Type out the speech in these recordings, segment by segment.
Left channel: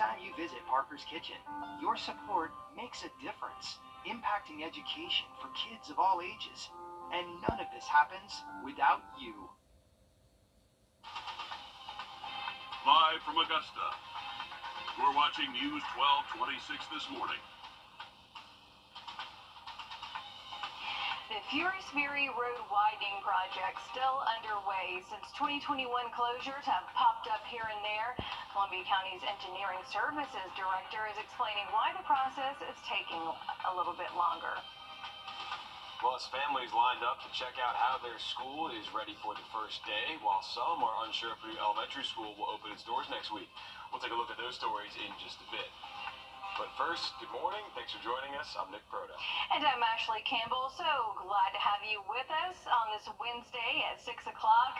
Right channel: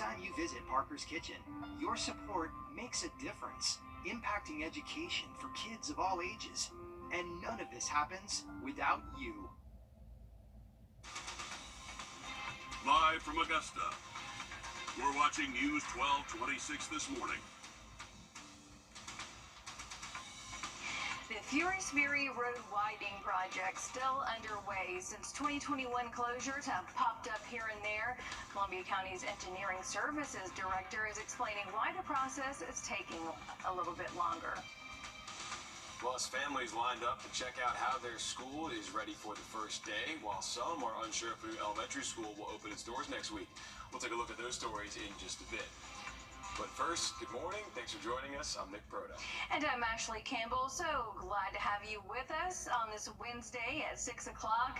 time you visit Parker's Kitchen, your support makes a difference, impacting education for kids of all ages. And none of this happens without you. Live from Augusta, we're watching News 1226 this morning. The Furious-Fury Road widening project still underway. Since 2021, closures have popped up here and there. Columbia County's Engineering Services Director is explaining why the process is taking a little bit longer. Well, as families lined up to check out how their school is ready for the first day, while some are unsure if Wrdw Elementary School will open its doors next week. We'll take a look at those stories in just a bit. But first, good morning. Thanks for joining us. I'm Nick Proto. And I'm Ashley Campbell. So glad to have you with us on this Wednesday at 6 o'clock.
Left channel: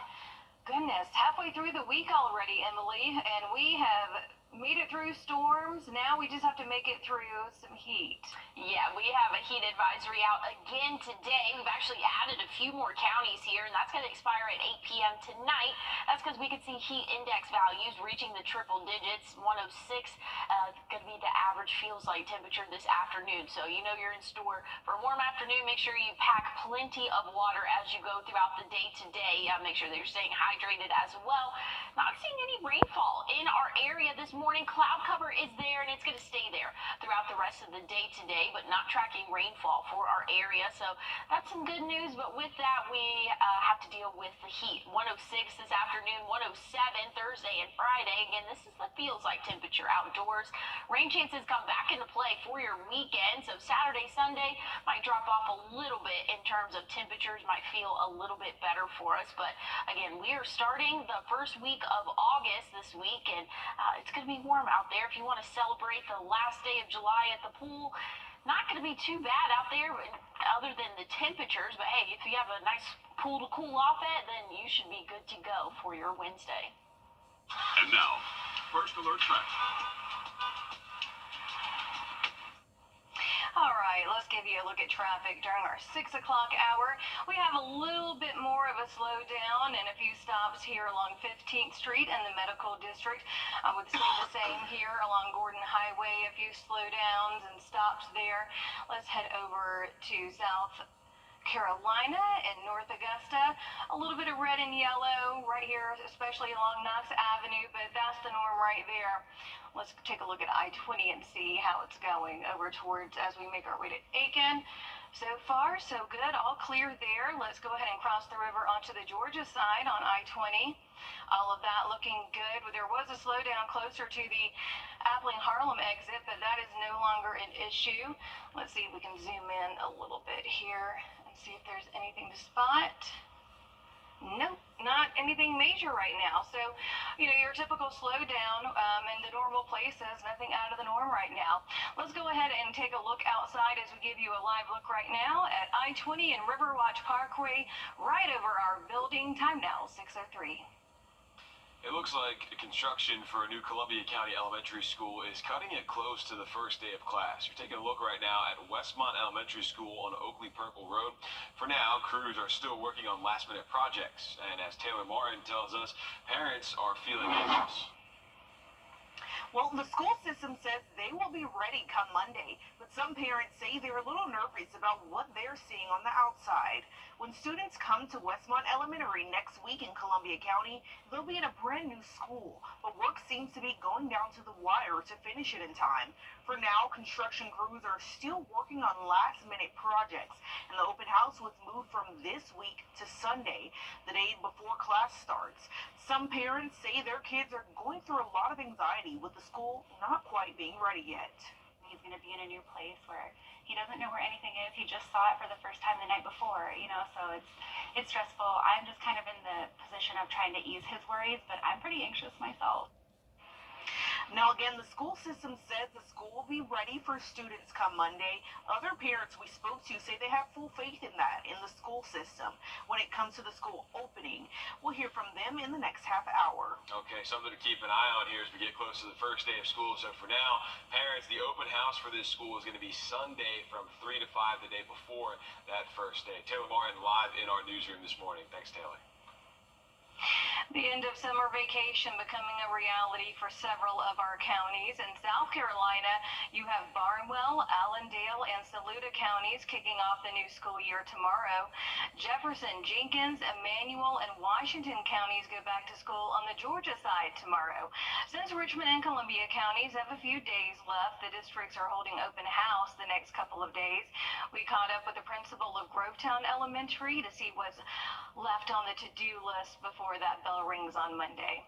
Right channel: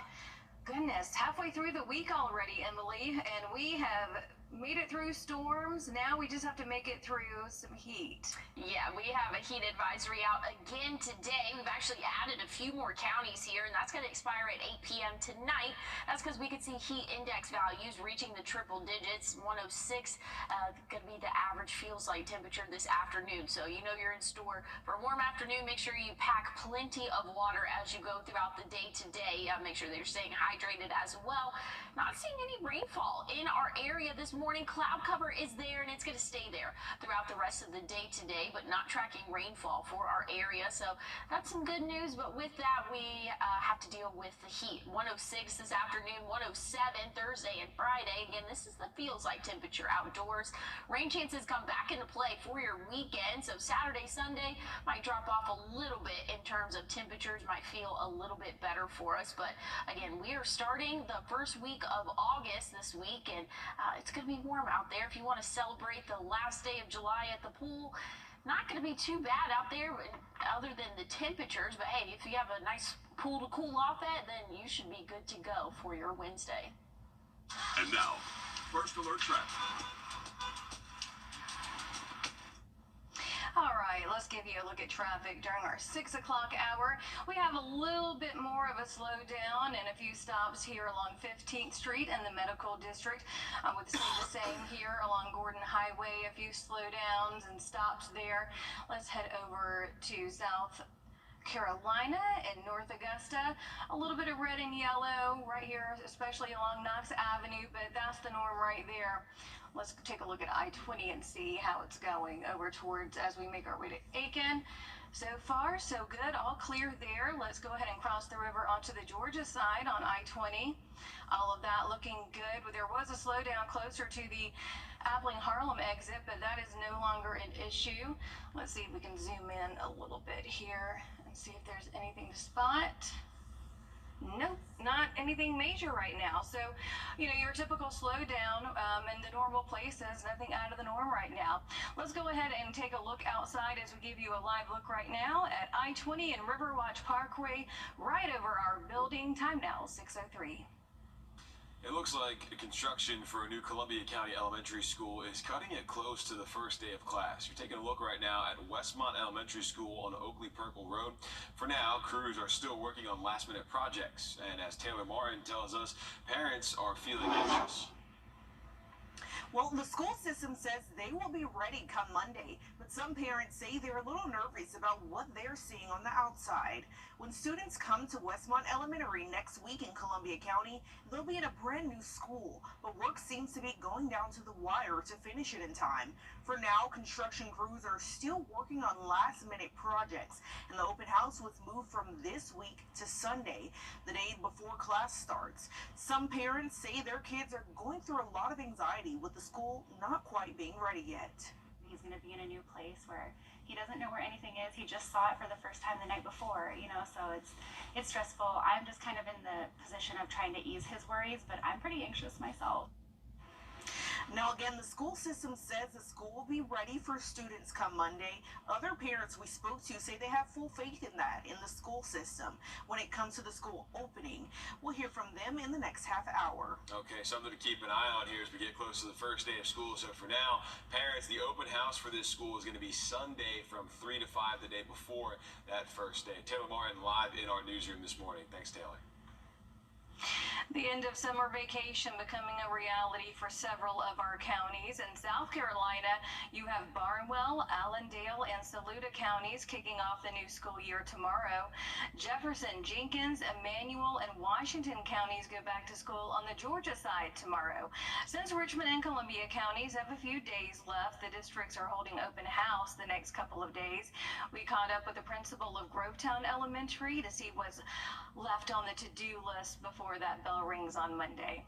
Goodness, halfway through the week already, Emily, and we have made it through storms. Now we just have to make it through some heat. Yeah, we have a heat advisory out again today. We've actually added a few more counties here, and that's going to expire at 8 p.m. tonight. That's because we could see heat index values reaching the triple digits. 106 going to be the average feels like temperature this afternoon. So you know you're in store for a warm afternoon. Make sure you pack plenty of water as you go throughout the day today. Make sure that you're staying hydrated as well. Not seeing any rainfall in our area this morning. Cloud cover is there, and it's going to stay there throughout the rest of the day today, but not tracking rainfall for our area. So that's some good news, but with that, we have to deal with the heat. 106 this afternoon, 107 Thursday and Friday. Again, this is the feels like temperature outdoors. Rain chances come back into play for your weekend. So Saturday, Sunday might drop off a little bit in terms of temperatures, might feel a little bit better for us. But again, we are starting the first week of August this week, and it's going to be warm out there. If you want to celebrate the last day of July at the pool, not going to be too bad out there other than the temperatures. But hey, if you have a nice pool to cool off at, then you should be good to go for your Wednesday. And now, First Alert Traffic. All right, let's give you a look at traffic during our 6 o'clock hour. We have a little bit more of a slowdown and a few stops here along 15th Street and the Medical District. I would say the same here along Gordon Highway, a few slowdowns and stops there. Let's head over to South Carolina and North Augusta. A little bit of red and yellow right here, especially along Knox Avenue, but that's the norm right there. Let's take a look at I-20 and see how it's going over towards as we make our way to Aiken. So far, so good. All clear there. Let's go ahead and cross the river onto the Georgia side on I-20. All of that looking good. There was a slowdown closer to the Abilene-Harlem exit, but that is no longer an issue. Let's see if we can zoom in a little bit here and see if there's anything to spot. Nope, not anything major right now. So, you know, your typical slowdown in the normal places, nothing out of the norm right now. Let's go ahead and take a look outside as we give you a live look right now at I-20 and Riverwatch Parkway right over our building. Time now, 6:03. It looks like construction for a new Columbia County Elementary School is cutting it close to the first day of class. You're taking a look right now at Westmont Elementary School on Oakley Purple Road. For now, crews are still working on last-minute projects, and as Taylor Martin tells us, parents are feeling anxious. Well, the school system says they will be ready come Monday, but some parents say they're a little nervous about what they're seeing on the outside. When students come to Westmont Elementary next week in Columbia County, they'll be in a brand new school, but work seems to be going down to the wire to finish it in time. For now, construction crews are still working on last-minute projects, and the open house was moved from this week to Sunday, the day before class starts. Some parents say their kids are going through a lot of anxiety with the school not quite being ready yet. He's going to be in a new place where he doesn't know where anything is. He just saw it for the first time the night before, you know, so it's stressful. I'm just kind of in the position of trying to ease his worries, but I'm pretty anxious myself. Now, again, the school system says the school will be ready for students come Monday. Other parents we spoke to say they have full faith in that, in the school system, when it comes to the school opening. We'll hear from them in the next half hour. Okay, something to keep an eye on here as we get close to the first day of school. So for now, parents, the open house for this school is going to be Sunday from 3 to 5 the day before that first day. Taylor Martin live in our newsroom this morning. Thanks, Taylor. The end of summer vacation becoming a reality for several of our counties. In South Carolina, you have Barnwell, Allendale, and Saluda counties kicking off the new school year tomorrow. Jefferson, Jenkins, Emmanuel, and Washington counties go back to school on the Georgia side tomorrow. Since Richmond and Columbia counties have a few days left, the districts are holding open house the next couple of days. We caught up with the principal of Grovetown Elementary to see what's left on the to-do list before that bell rings on Monday.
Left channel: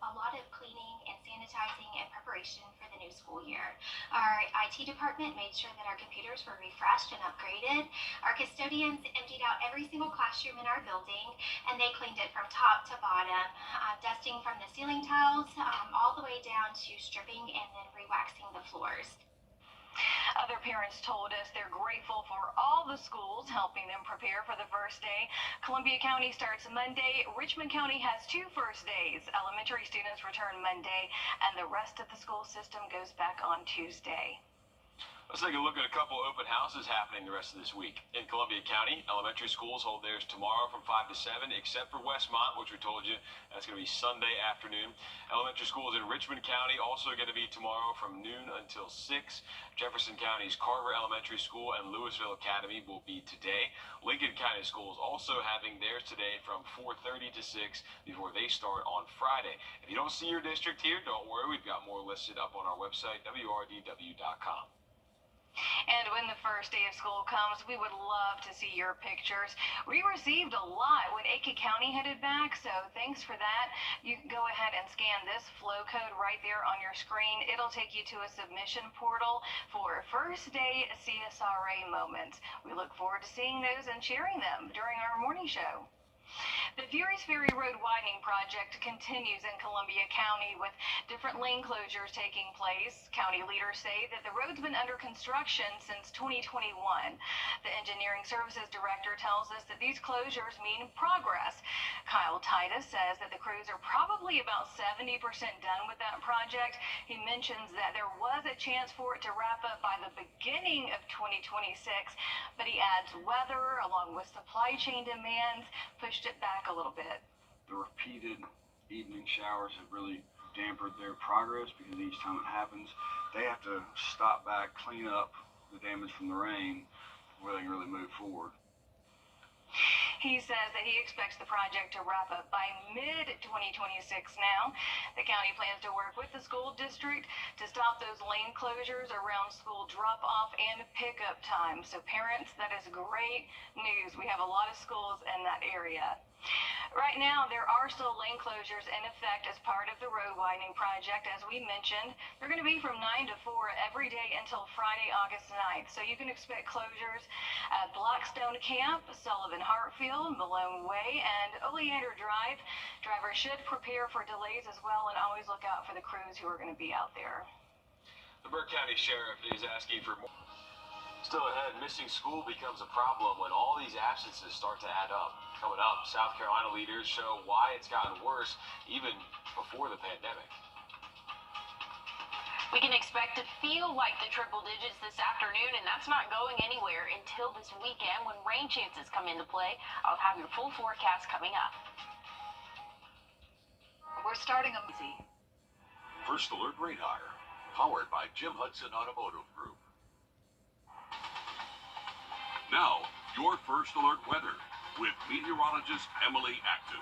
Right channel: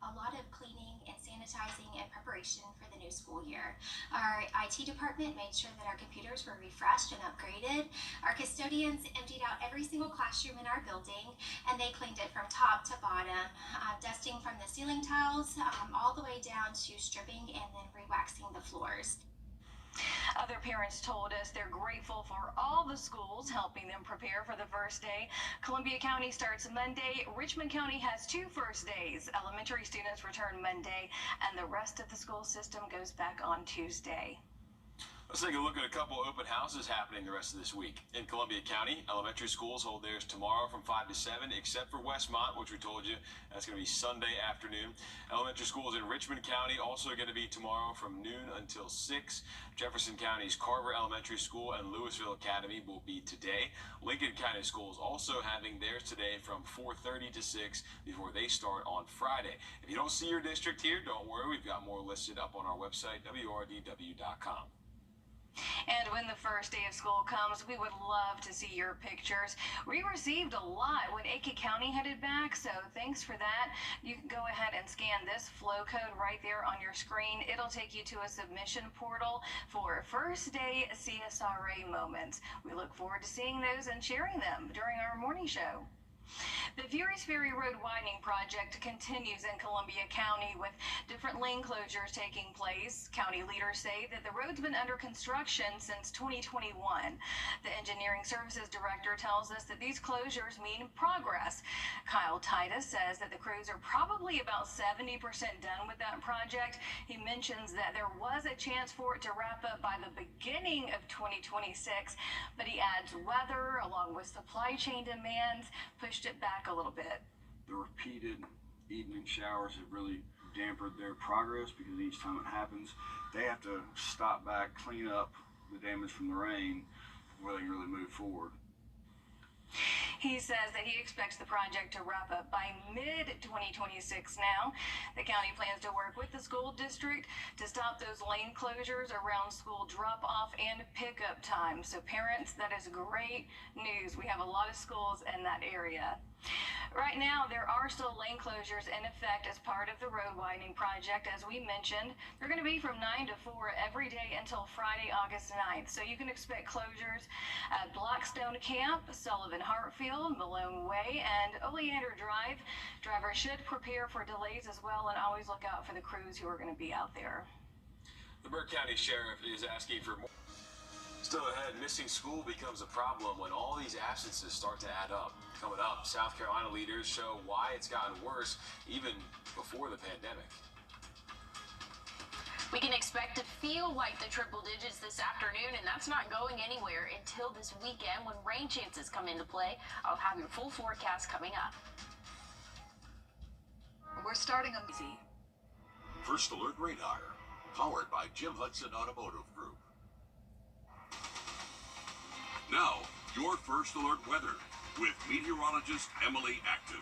A lot of cleaning and sanitizing and preparation for the new school year. Our IT department made sure that our computers were refreshed and upgraded. Our custodians emptied out every single classroom in our building, and they cleaned it from top to bottom, dusting from the ceiling tiles all the way down to stripping and then re-waxing the floors. Other parents told us they're grateful for all the schools helping them prepare for the first day. Columbia County starts Monday. Richmond County has 2 first days. Elementary students return Monday, and the rest of the school system goes back on Tuesday. Let's take a look at a couple open houses happening the rest of this week. In Columbia County, elementary schools hold theirs tomorrow from 5 to 7, except for Westmont, which we told you that's going to be Sunday afternoon. Elementary schools in Richmond County also going to be tomorrow from noon until 6. Jefferson County's Carver Elementary School and Louisville Academy will be today. Lincoln County Schools also having theirs today from 4:30 to 6 before they start on Friday. If you don't see your district here, don't worry. We've got more listed up on our website, wrdw.com. And when the first day of school comes, we would love to see your pictures. We received a lot when Aiken County headed back, so thanks for that. You can go ahead and scan this flow code right there on your screen. It'll take you to a submission portal for first day CSRA moments. We look forward to seeing those and sharing them during our morning show. The Furious Ferry Road widening project continues in Columbia County with different lane closures taking place. County leaders say that the road's been under construction since 2021. The engineering services director tells us that these closures mean progress. Kyle Titus says that the crews are probably about 70% done with that project. He mentions that there was a chance for it to wrap up by the beginning of 2026, but he adds weather along with supply chain demands pushed it back a little bit. The repeated evening showers have really dampened their progress because each time it happens, they have to stop back, clean up the damage from the rain before they can really move forward. He says that he expects the project to wrap up by mid-2026 now. The county plans to work with the school district to stop those lane closures around school drop-off and pickup time. So parents, that is great news. We have a lot of schools in that area. Right now, there are still lane closures in effect as part of the road widening project. As we mentioned, they're going to be from 9 to 4 every day until Friday, August 9th. So you can expect closures at Blackstone Camp, Sullivan Hartfield, Malone Way, and Oleander Drive. Drivers should prepare for delays as well and always look out for the crews who are going to be out there. The Burke County Sheriff is asking for more. Still ahead, missing school becomes a problem when all these absences start to add up. Coming up, South Carolina leaders show why it's gotten worse even before the pandemic. We can expect to feel like the triple digits this afternoon, and that's not going anywhere until this weekend when rain chances come into play. I'll have your full forecast coming up. We're starting a busy. First Alert Radar, powered by Jim Hudson Automotive Group. Now, your First Alert weather with meteorologist Emily Acton.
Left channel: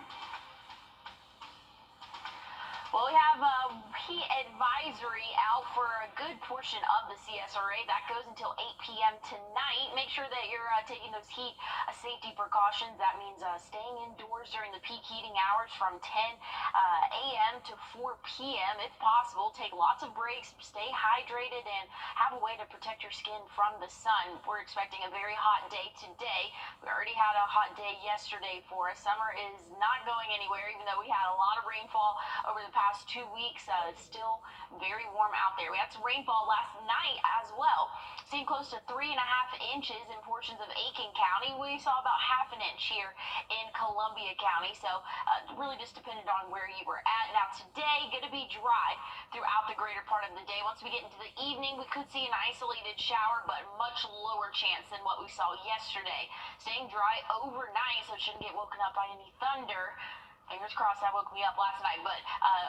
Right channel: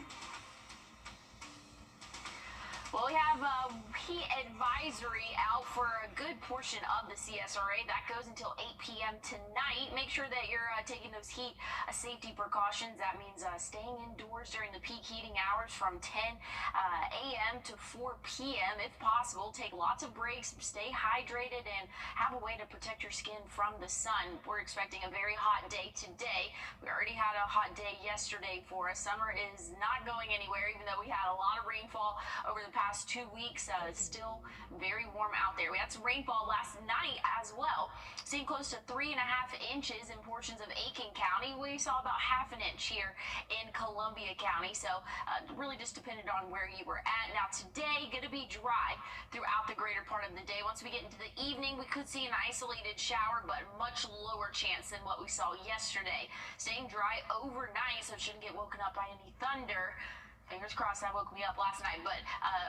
Well, we have a heat advisory out for a good portion of the CSRA. That goes until 8 p.m. tonight. Make sure that you're taking those heat safety precautions. That means staying indoors during the peak heating hours from 10 a.m. to 4 p.m. If possible, take lots of breaks, stay hydrated, and have a way to protect your skin from the sun. We're expecting a very hot day today. We already had a hot day yesterday for us. Summer is not going anywhere, even though we had a lot of rainfall over the past 2 weeks. It's still very warm out there. We had some rainfall last night as well, seeing close to 3.5 inches in portions of Aiken County. We saw about ½ inch here in Columbia County, so really just depended on where you were at. Now today, going to be dry throughout the greater part of the day. Once we get into the evening, we could see an isolated shower, but much lower chance than what we saw yesterday. Staying dry overnight, so it shouldn't get woken up by any thunder. fingers crossed that woke me up last night, but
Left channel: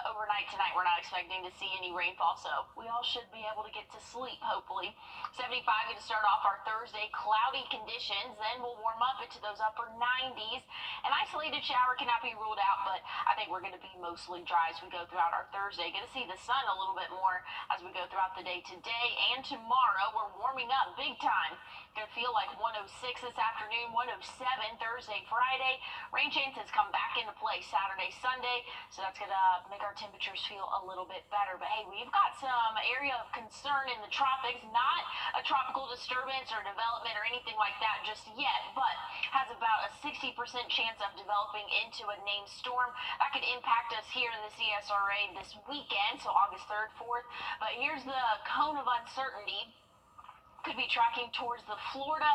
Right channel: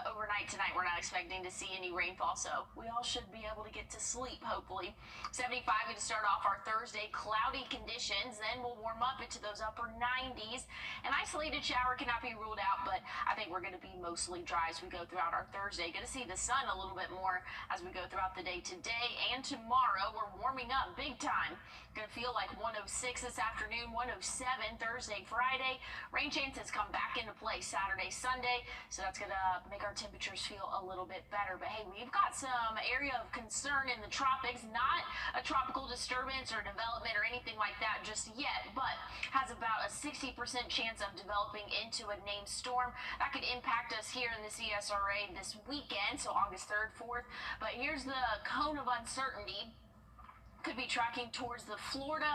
overnight tonight we're not expecting to see any rainfall, so we all should be able to get to sleep, hopefully. 75 to start off our Thursday, cloudy conditions, then we'll warm up into those upper 90s. An isolated shower cannot be ruled out, but I think we're going to be mostly dry as we go throughout our Thursday. Going to see the sun a little bit more as we go throughout the day today and tomorrow. We're warming up big time. Going to feel like 106 this afternoon, 107 Thursday, Friday. Rain chances come back into play Saturday, Sunday, so that's going to make our temperatures feel a little bit better. But hey, we've got some area of concern in the tropics, not a tropical disturbance or development or anything like that just yet, but has about a 60% chance of developing into a named storm. That could impact us here in the CSRA this weekend, so August 3rd, 4th. But here's the cone of uncertainty. Could be tracking towards the Florida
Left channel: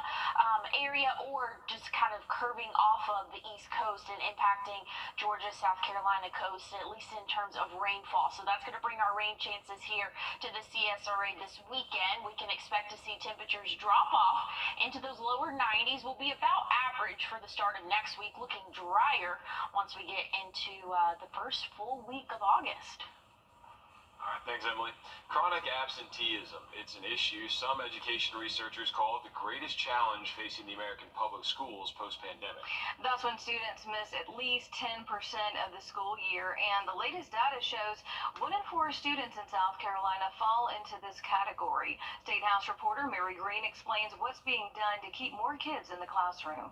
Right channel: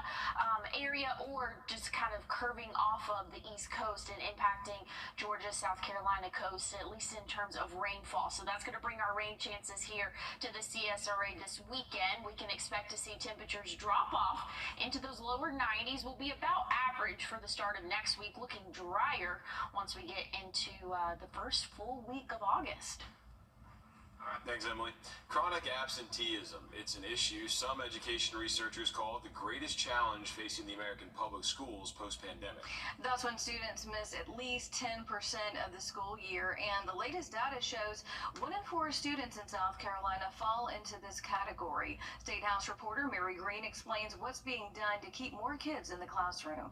area or just kind of curving off of the East Coast and impacting Georgia, South Carolina coast, at least in terms of rainfall. So that's going to bring our rain chances here to the CSRA this weekend. We can expect to see temperatures drop off into those lower 90s. Will be about average for the start of next week, looking drier once we get into the first full week of August. All right, thanks, Emily. Chronic absenteeism. It's an issue some education researchers call the greatest challenge facing the American public schools post-pandemic. That's when students miss at least 10% of the school year, and the latest data shows 1 in 4 students in South Carolina fall into this category. State House reporter Mary Green explains what's being done to keep more kids in the classroom.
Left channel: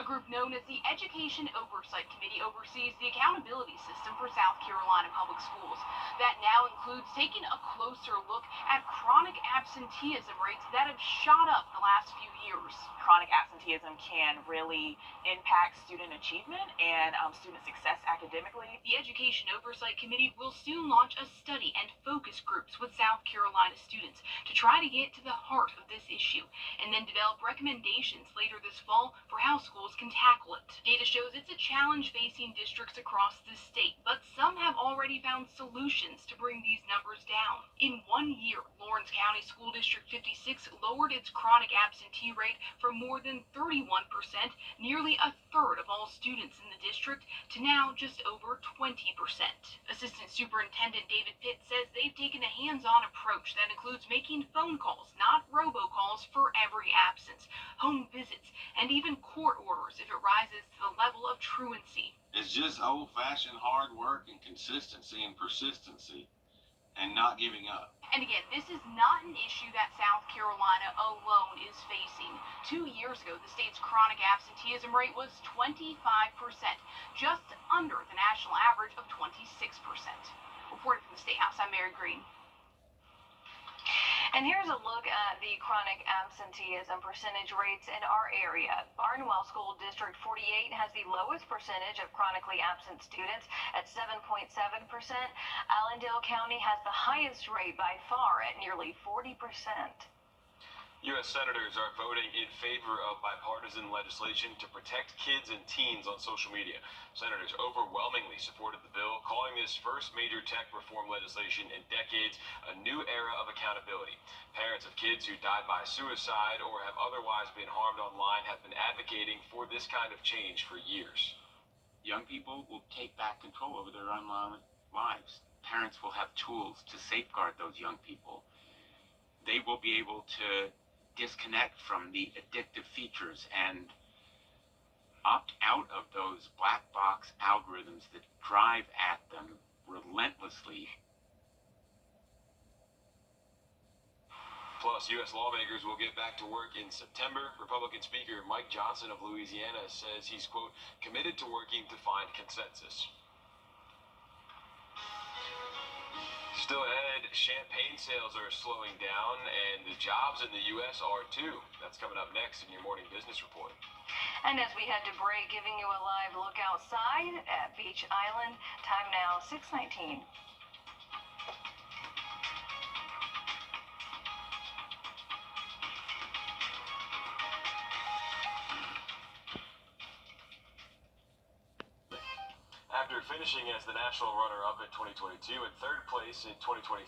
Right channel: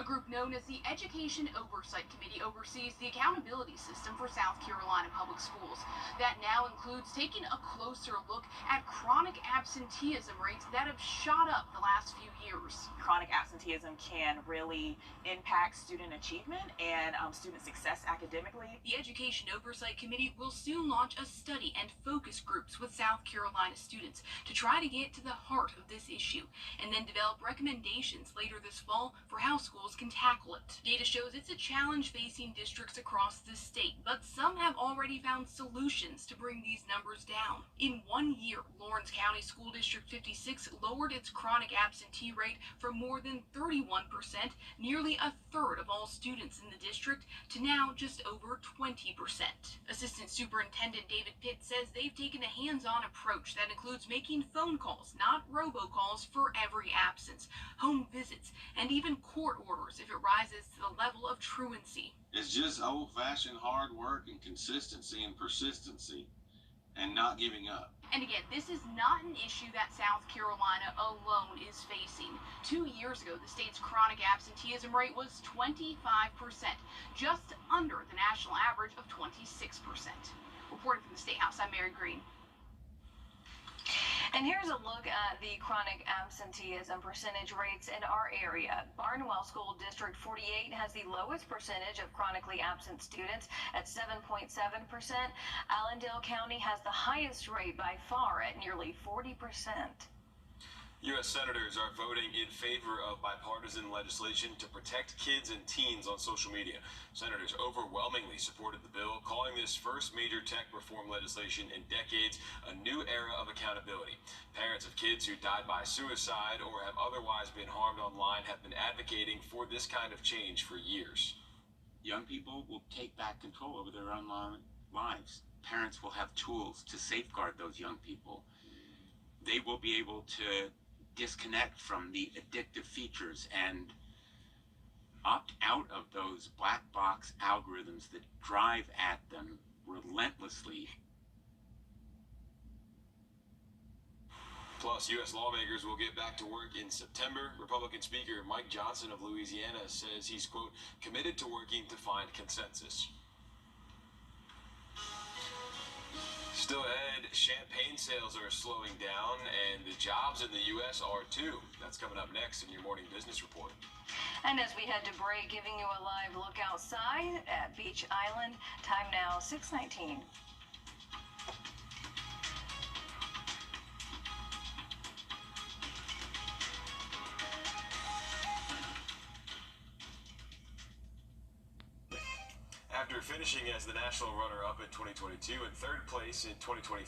A group known as the Education Oversight Committee oversees the accountability system for South Carolina public schools. That now includes taking a closer look at chronic absenteeism rates that have shot up the last few years. Chronic absenteeism can really impact student achievement and student success academically. The Education Oversight Committee will soon launch a study and focus groups with South Carolina students to try to get to the heart of this issue and then develop recommendations later this fall for how schools can tackle it. Data shows it's a challenge facing districts across the state, but some have already found solutions to bring these numbers down. In 1 year, Lawrence County School District 56 lowered its chronic absentee rate from more than 31%, nearly a third of all students in the district, to now just over 20%. Assistant Superintendent David Pitt says they've taken a hands-on approach that includes making phone calls, not robocalls, for every absence, home visits, and even court orders if it rises to the level of truancy. It's just old-fashioned hard work and consistency and persistency and not giving up. And again, this is not an issue that South Carolina alone is facing. 2 years ago, the state's chronic absenteeism rate was 25%, just under the national average of 26%. Reporting from the State House, I'm Mary Green. And here's a look at the chronic absenteeism percentage rates in our area. Barnwell School District 48 has the lowest percentage of chronically absent students at 7.7%. Allendale County has the highest rate by far at nearly 40%. U.S. senators are voting in favor of bipartisan legislation to protect kids and teens on social media. Senators overwhelmingly supported the bill, calling this first major tech reform legislation in decades a new era of accountability. Parents of kids who died by suicide or have otherwise been harmed online have been advocating for this kind of change for years. Young people will take back control over their online lives. Parents will have tools to safeguard those young people. They will be able to disconnect from the addictive features and opt out of those black box algorithms that drive at them relentlessly. Plus, U.S. lawmakers will get back to work in September. Republican Speaker Mike Johnson of Louisiana says he's, quote, committed to working to find consensus. Still ahead, champagne sales are slowing down, and the jobs in the U.S. are too. That's coming up next in your morning business report. And as we head to break, giving you a live look outside at Beach Island. Time now, 6:19. After finishing as the national runner-up in 2022 and third place in 2023,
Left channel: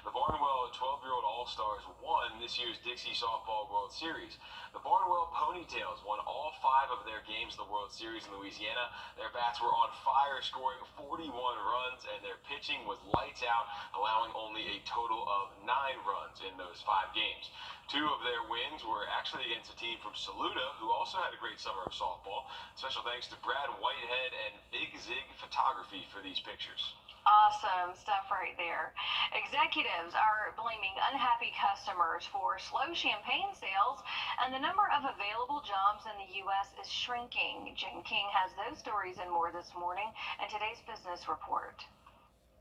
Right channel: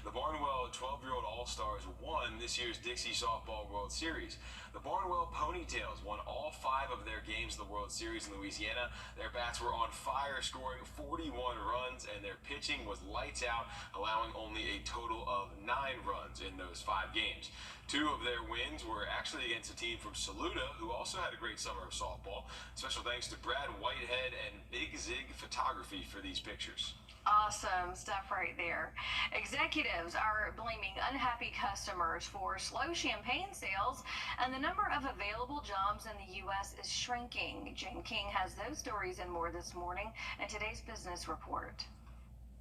the Barnwell 12-year-old All-Stars won this year's Dixie Softball World Series. The Barnwell Ponytails won all 5 of their games in the World Series in Louisiana. Their bats were on fire, scoring 41 runs, and their pitching was lights out, allowing only a total of 9 runs in those 5 games. 2 of their wins were actually against a team from Saluda, who also had a great summer of softball. Special thanks to Brad Whitehead and Big Zig Photography for these pictures. Awesome stuff right there. Executives are blaming unhappy customers for slow champagne sales, and the number of available jobs in the U.S. is shrinking. Jane King has those stories and more this morning in today's Business Report.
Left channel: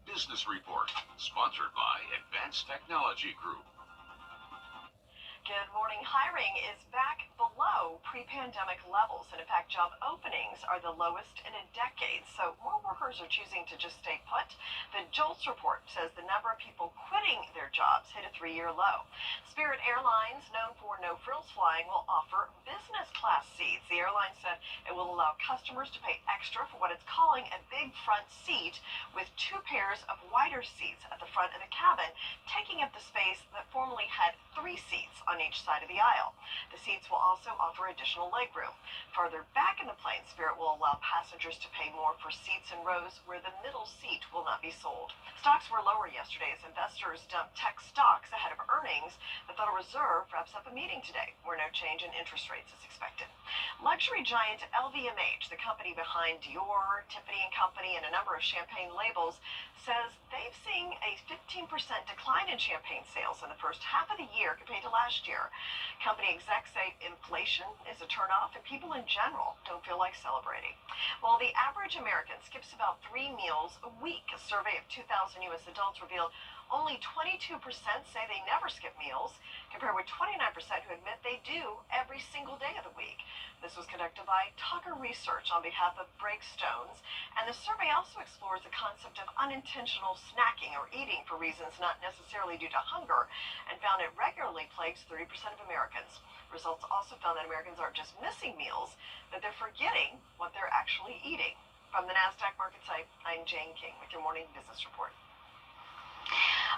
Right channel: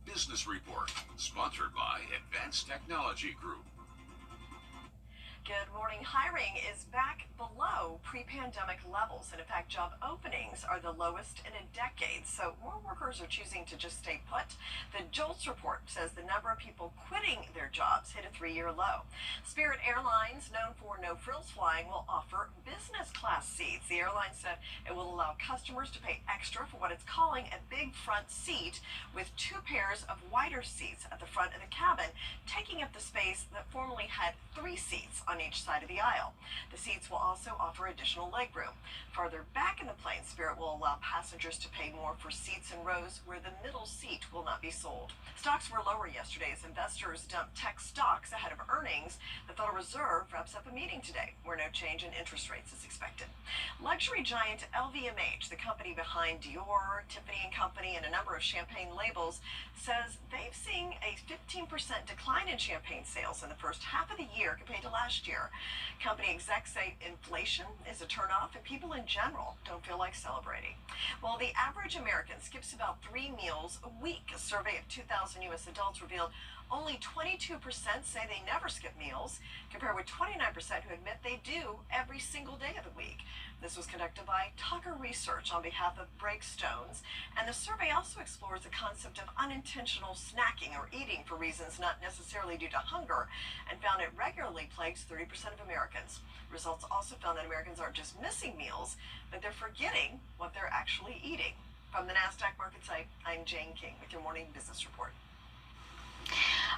Business Report, sponsored by Advanced Technology Group. Good morning. Hiring is back below pre-pandemic levels, and in fact, job openings are the lowest in a decade. So more workers are choosing to just stay put. The JOLTS report says the number of people quitting their jobs hit a 3-year low. Spirit Airlines, known for no-frills flying, will offer business class seats. The airline said it will allow customers to pay extra for what it's calling a big front seat, with 2 pairs of wider seats at the front of the cabin, taking up the space that formerly had 3 seats on each side of the aisle. The seats will also offer additional legroom. Farther back in the plane, Spirit will allow passengers to pay more for seats in rows where the middle seat will not be sold. Stocks were lower yesterday as investors dumped tech stocks ahead of earnings. The Federal Reserve wraps up a meeting today where no change in interest rates is expected. Luxury giant LVMH, the company behind Dior, Tiffany & Company, and a number of champagne labels, says they've seen a 15% decline in champagne sales in the first half of the year compared to last year. Company execs say inflation is a turnoff and people in general don't feel like celebrating. While the average American skips about 3 meals a week, a survey of 2,000 U.S. adults revealed only 22% say they never skip meals, compared with 29% who admit they do every single day of the week. This was conducted by Tucker Research on behalf of Breakstones, and the survey also explores the concept of unintentional snacking or eating for reasons not necessarily due to hunger, and found it regularly plagues 30% of Americans. Results also found that Americans aren't just missing meals, but they're forgetting what they're actually eating. From the NASDAQ market site, I'm Jane King with your morning business report.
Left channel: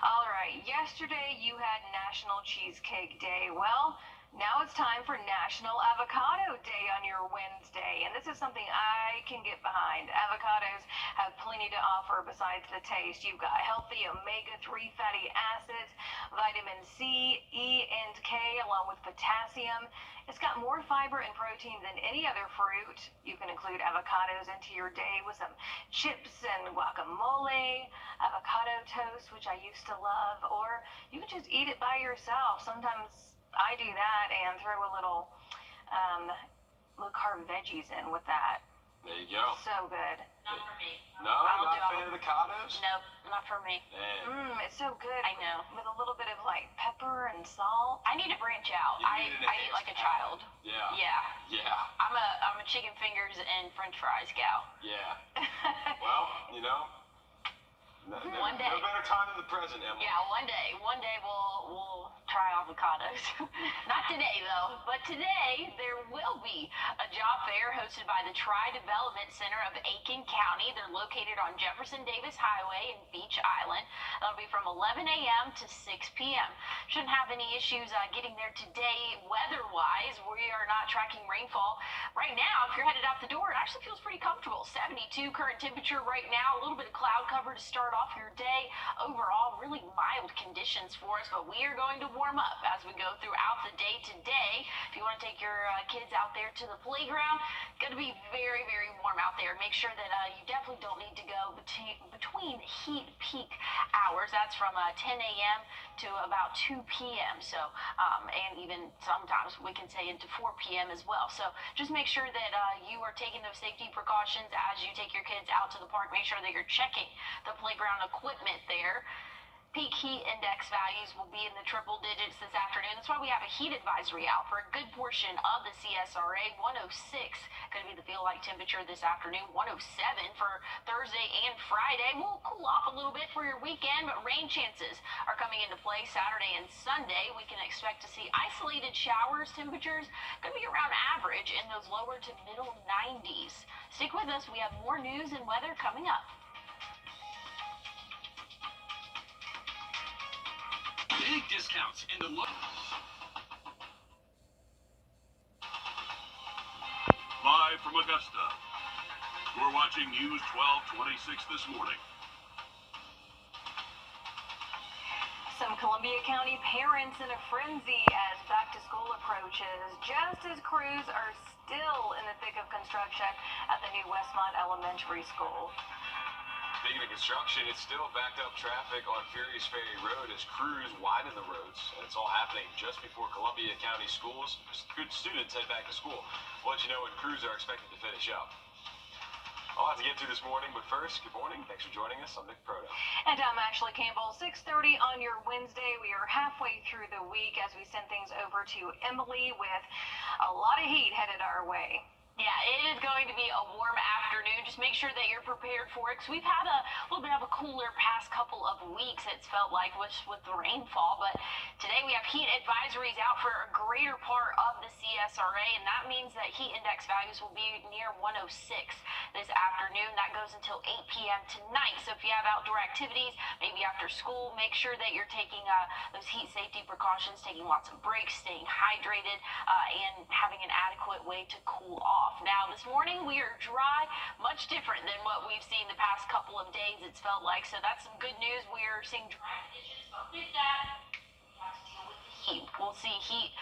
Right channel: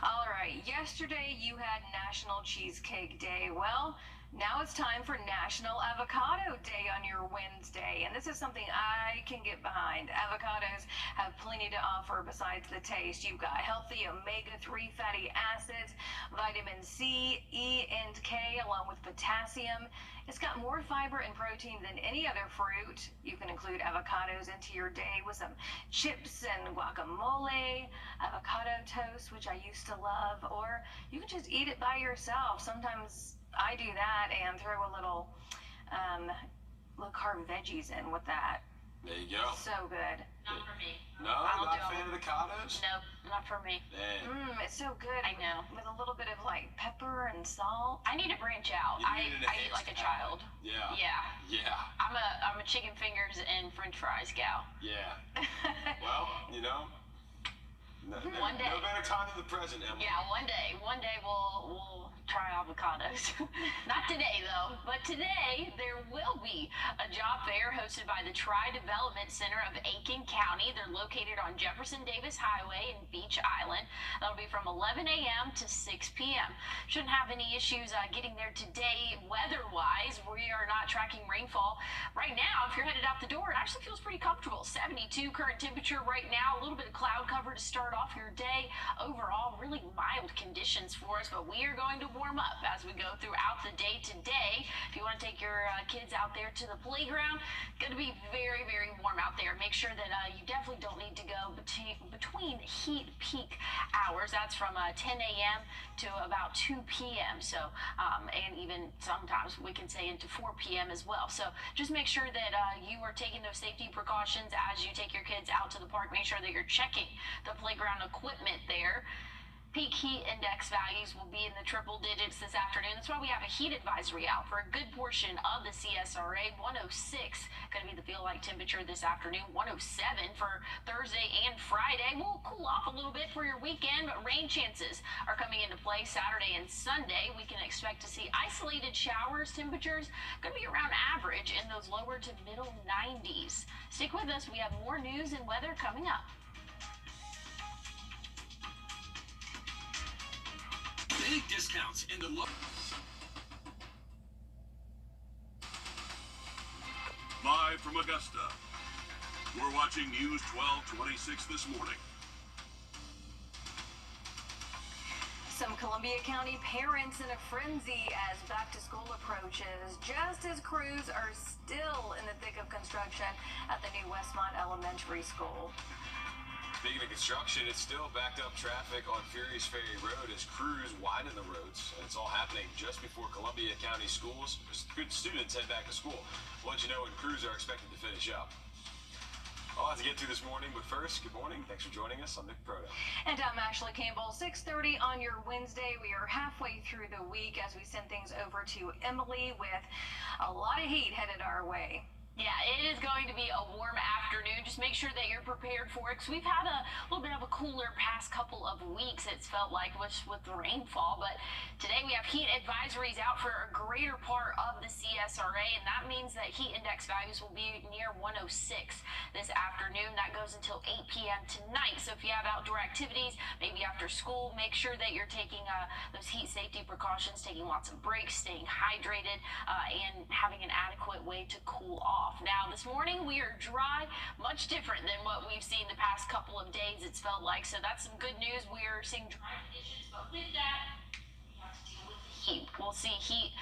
All right, yesterday you had National Cheesecake Day. Well, now it's time for National Avocado Day on your Wednesday, and this is something I can get behind. Avocados have plenty to offer besides the taste. You've got healthy omega-3 fatty acids, vitamin C, E, and K, along with potassium. It's got more fiber and protein than any other fruit. You can include avocados into your day with some chips and guacamole, avocado toast, which I used to love, or you can just eat it by yourself. Sometimes I do that and throw a little carb veggies in with that. There you go. So good. Not for me. No, not a fan of avocados? Nope, not for me. It's so good. I know. With a little bit of like pepper and salt. I need to branch out. I eat like a child. Yeah. Yeah. I'm a chicken fingers and French fries gal. Yeah. Well, One day. No better time than the present, Emma. Yeah, one day we'll try avocados. Not today though, but today there will be a job fair hosted by the Tri-Development Center of Aiken County. They're located on Jefferson Davis Highway in Beach Island. That'll be from 11 a.m. to 6 p.m. Shouldn't have any issues getting there today weather-wise. We are not tracking rainfall. Right now, if you're headed out the door, it actually feels pretty comfortable. 72 current temperature right now, a little bit of cloud cover to start off your day. Overall, really mild conditions for us, but we are going to warm up as we go throughout the day today. If you want to take your kids out there to the playground, it's going to be very, very warm out there. Make sure that you definitely don't need to go between heat peak hours. That's from 10 a.m. to about 2 p.m. So, and even sometimes we can say into 4 p.m. as well. So just make sure that you are taking those safety precautions as you take your kids out to the park. Make sure that you're checking the playground equipment there. Peak heat index values will be in the triple digits this afternoon. That's why we have a heat advisory out for a good portion of the CSRA. 106 going to be the feel-like temperature this afternoon. 107 for Thursday and Friday. We'll cool off a little bit for your weekend, but rain chances are coming into play Saturday and Sunday. We can expect to see isolated showers. Temperatures going to be around average in those lower to middle 90s. Stick with us. We have more news and weather coming up. Big discounts in the look. Live from Augusta, you're watching News 1226 this morning. Some Columbia County parents in a frenzy as back to school approaches, just as crews are still in the thick of construction at the new Westmont Elementary School. Speaking of construction, it's still backed up traffic on Furious Ferry Road as crews widen the roads. And it's all happening just before Columbia County schools. Good students head back to school. We'll let you know when crews are expected to finish up. A lot to get to this morning, but first, good morning. Thanks for joining us. I'm Nick Proto. And I'm Ashley Campbell. 6:30 on your Wednesday. We are halfway through the week as we send things over to Emily with a lot of heat headed our way. Yeah, it is going to be a warm afternoon. Just make sure that you're prepared for it, because we've had a little bit of a cooler past couple of weeks, it's felt like, with the rainfall. But today we have heat advisories out for a greater part of the CSRA, and that means that heat index values will be near 106 this afternoon. That goes until 8 p.m. tonight. So if you have outdoor activities, maybe after school, make sure that you're taking those heat safety precautions, taking lots of breaks, staying hydrated, and having an adequate way to cool off. Now, this morning we are dry, much different than what we've seen the past couple of days, it's felt like. So that's some good news. We are seeing dry conditions, but with that, we have to deal with the heat. We'll see heat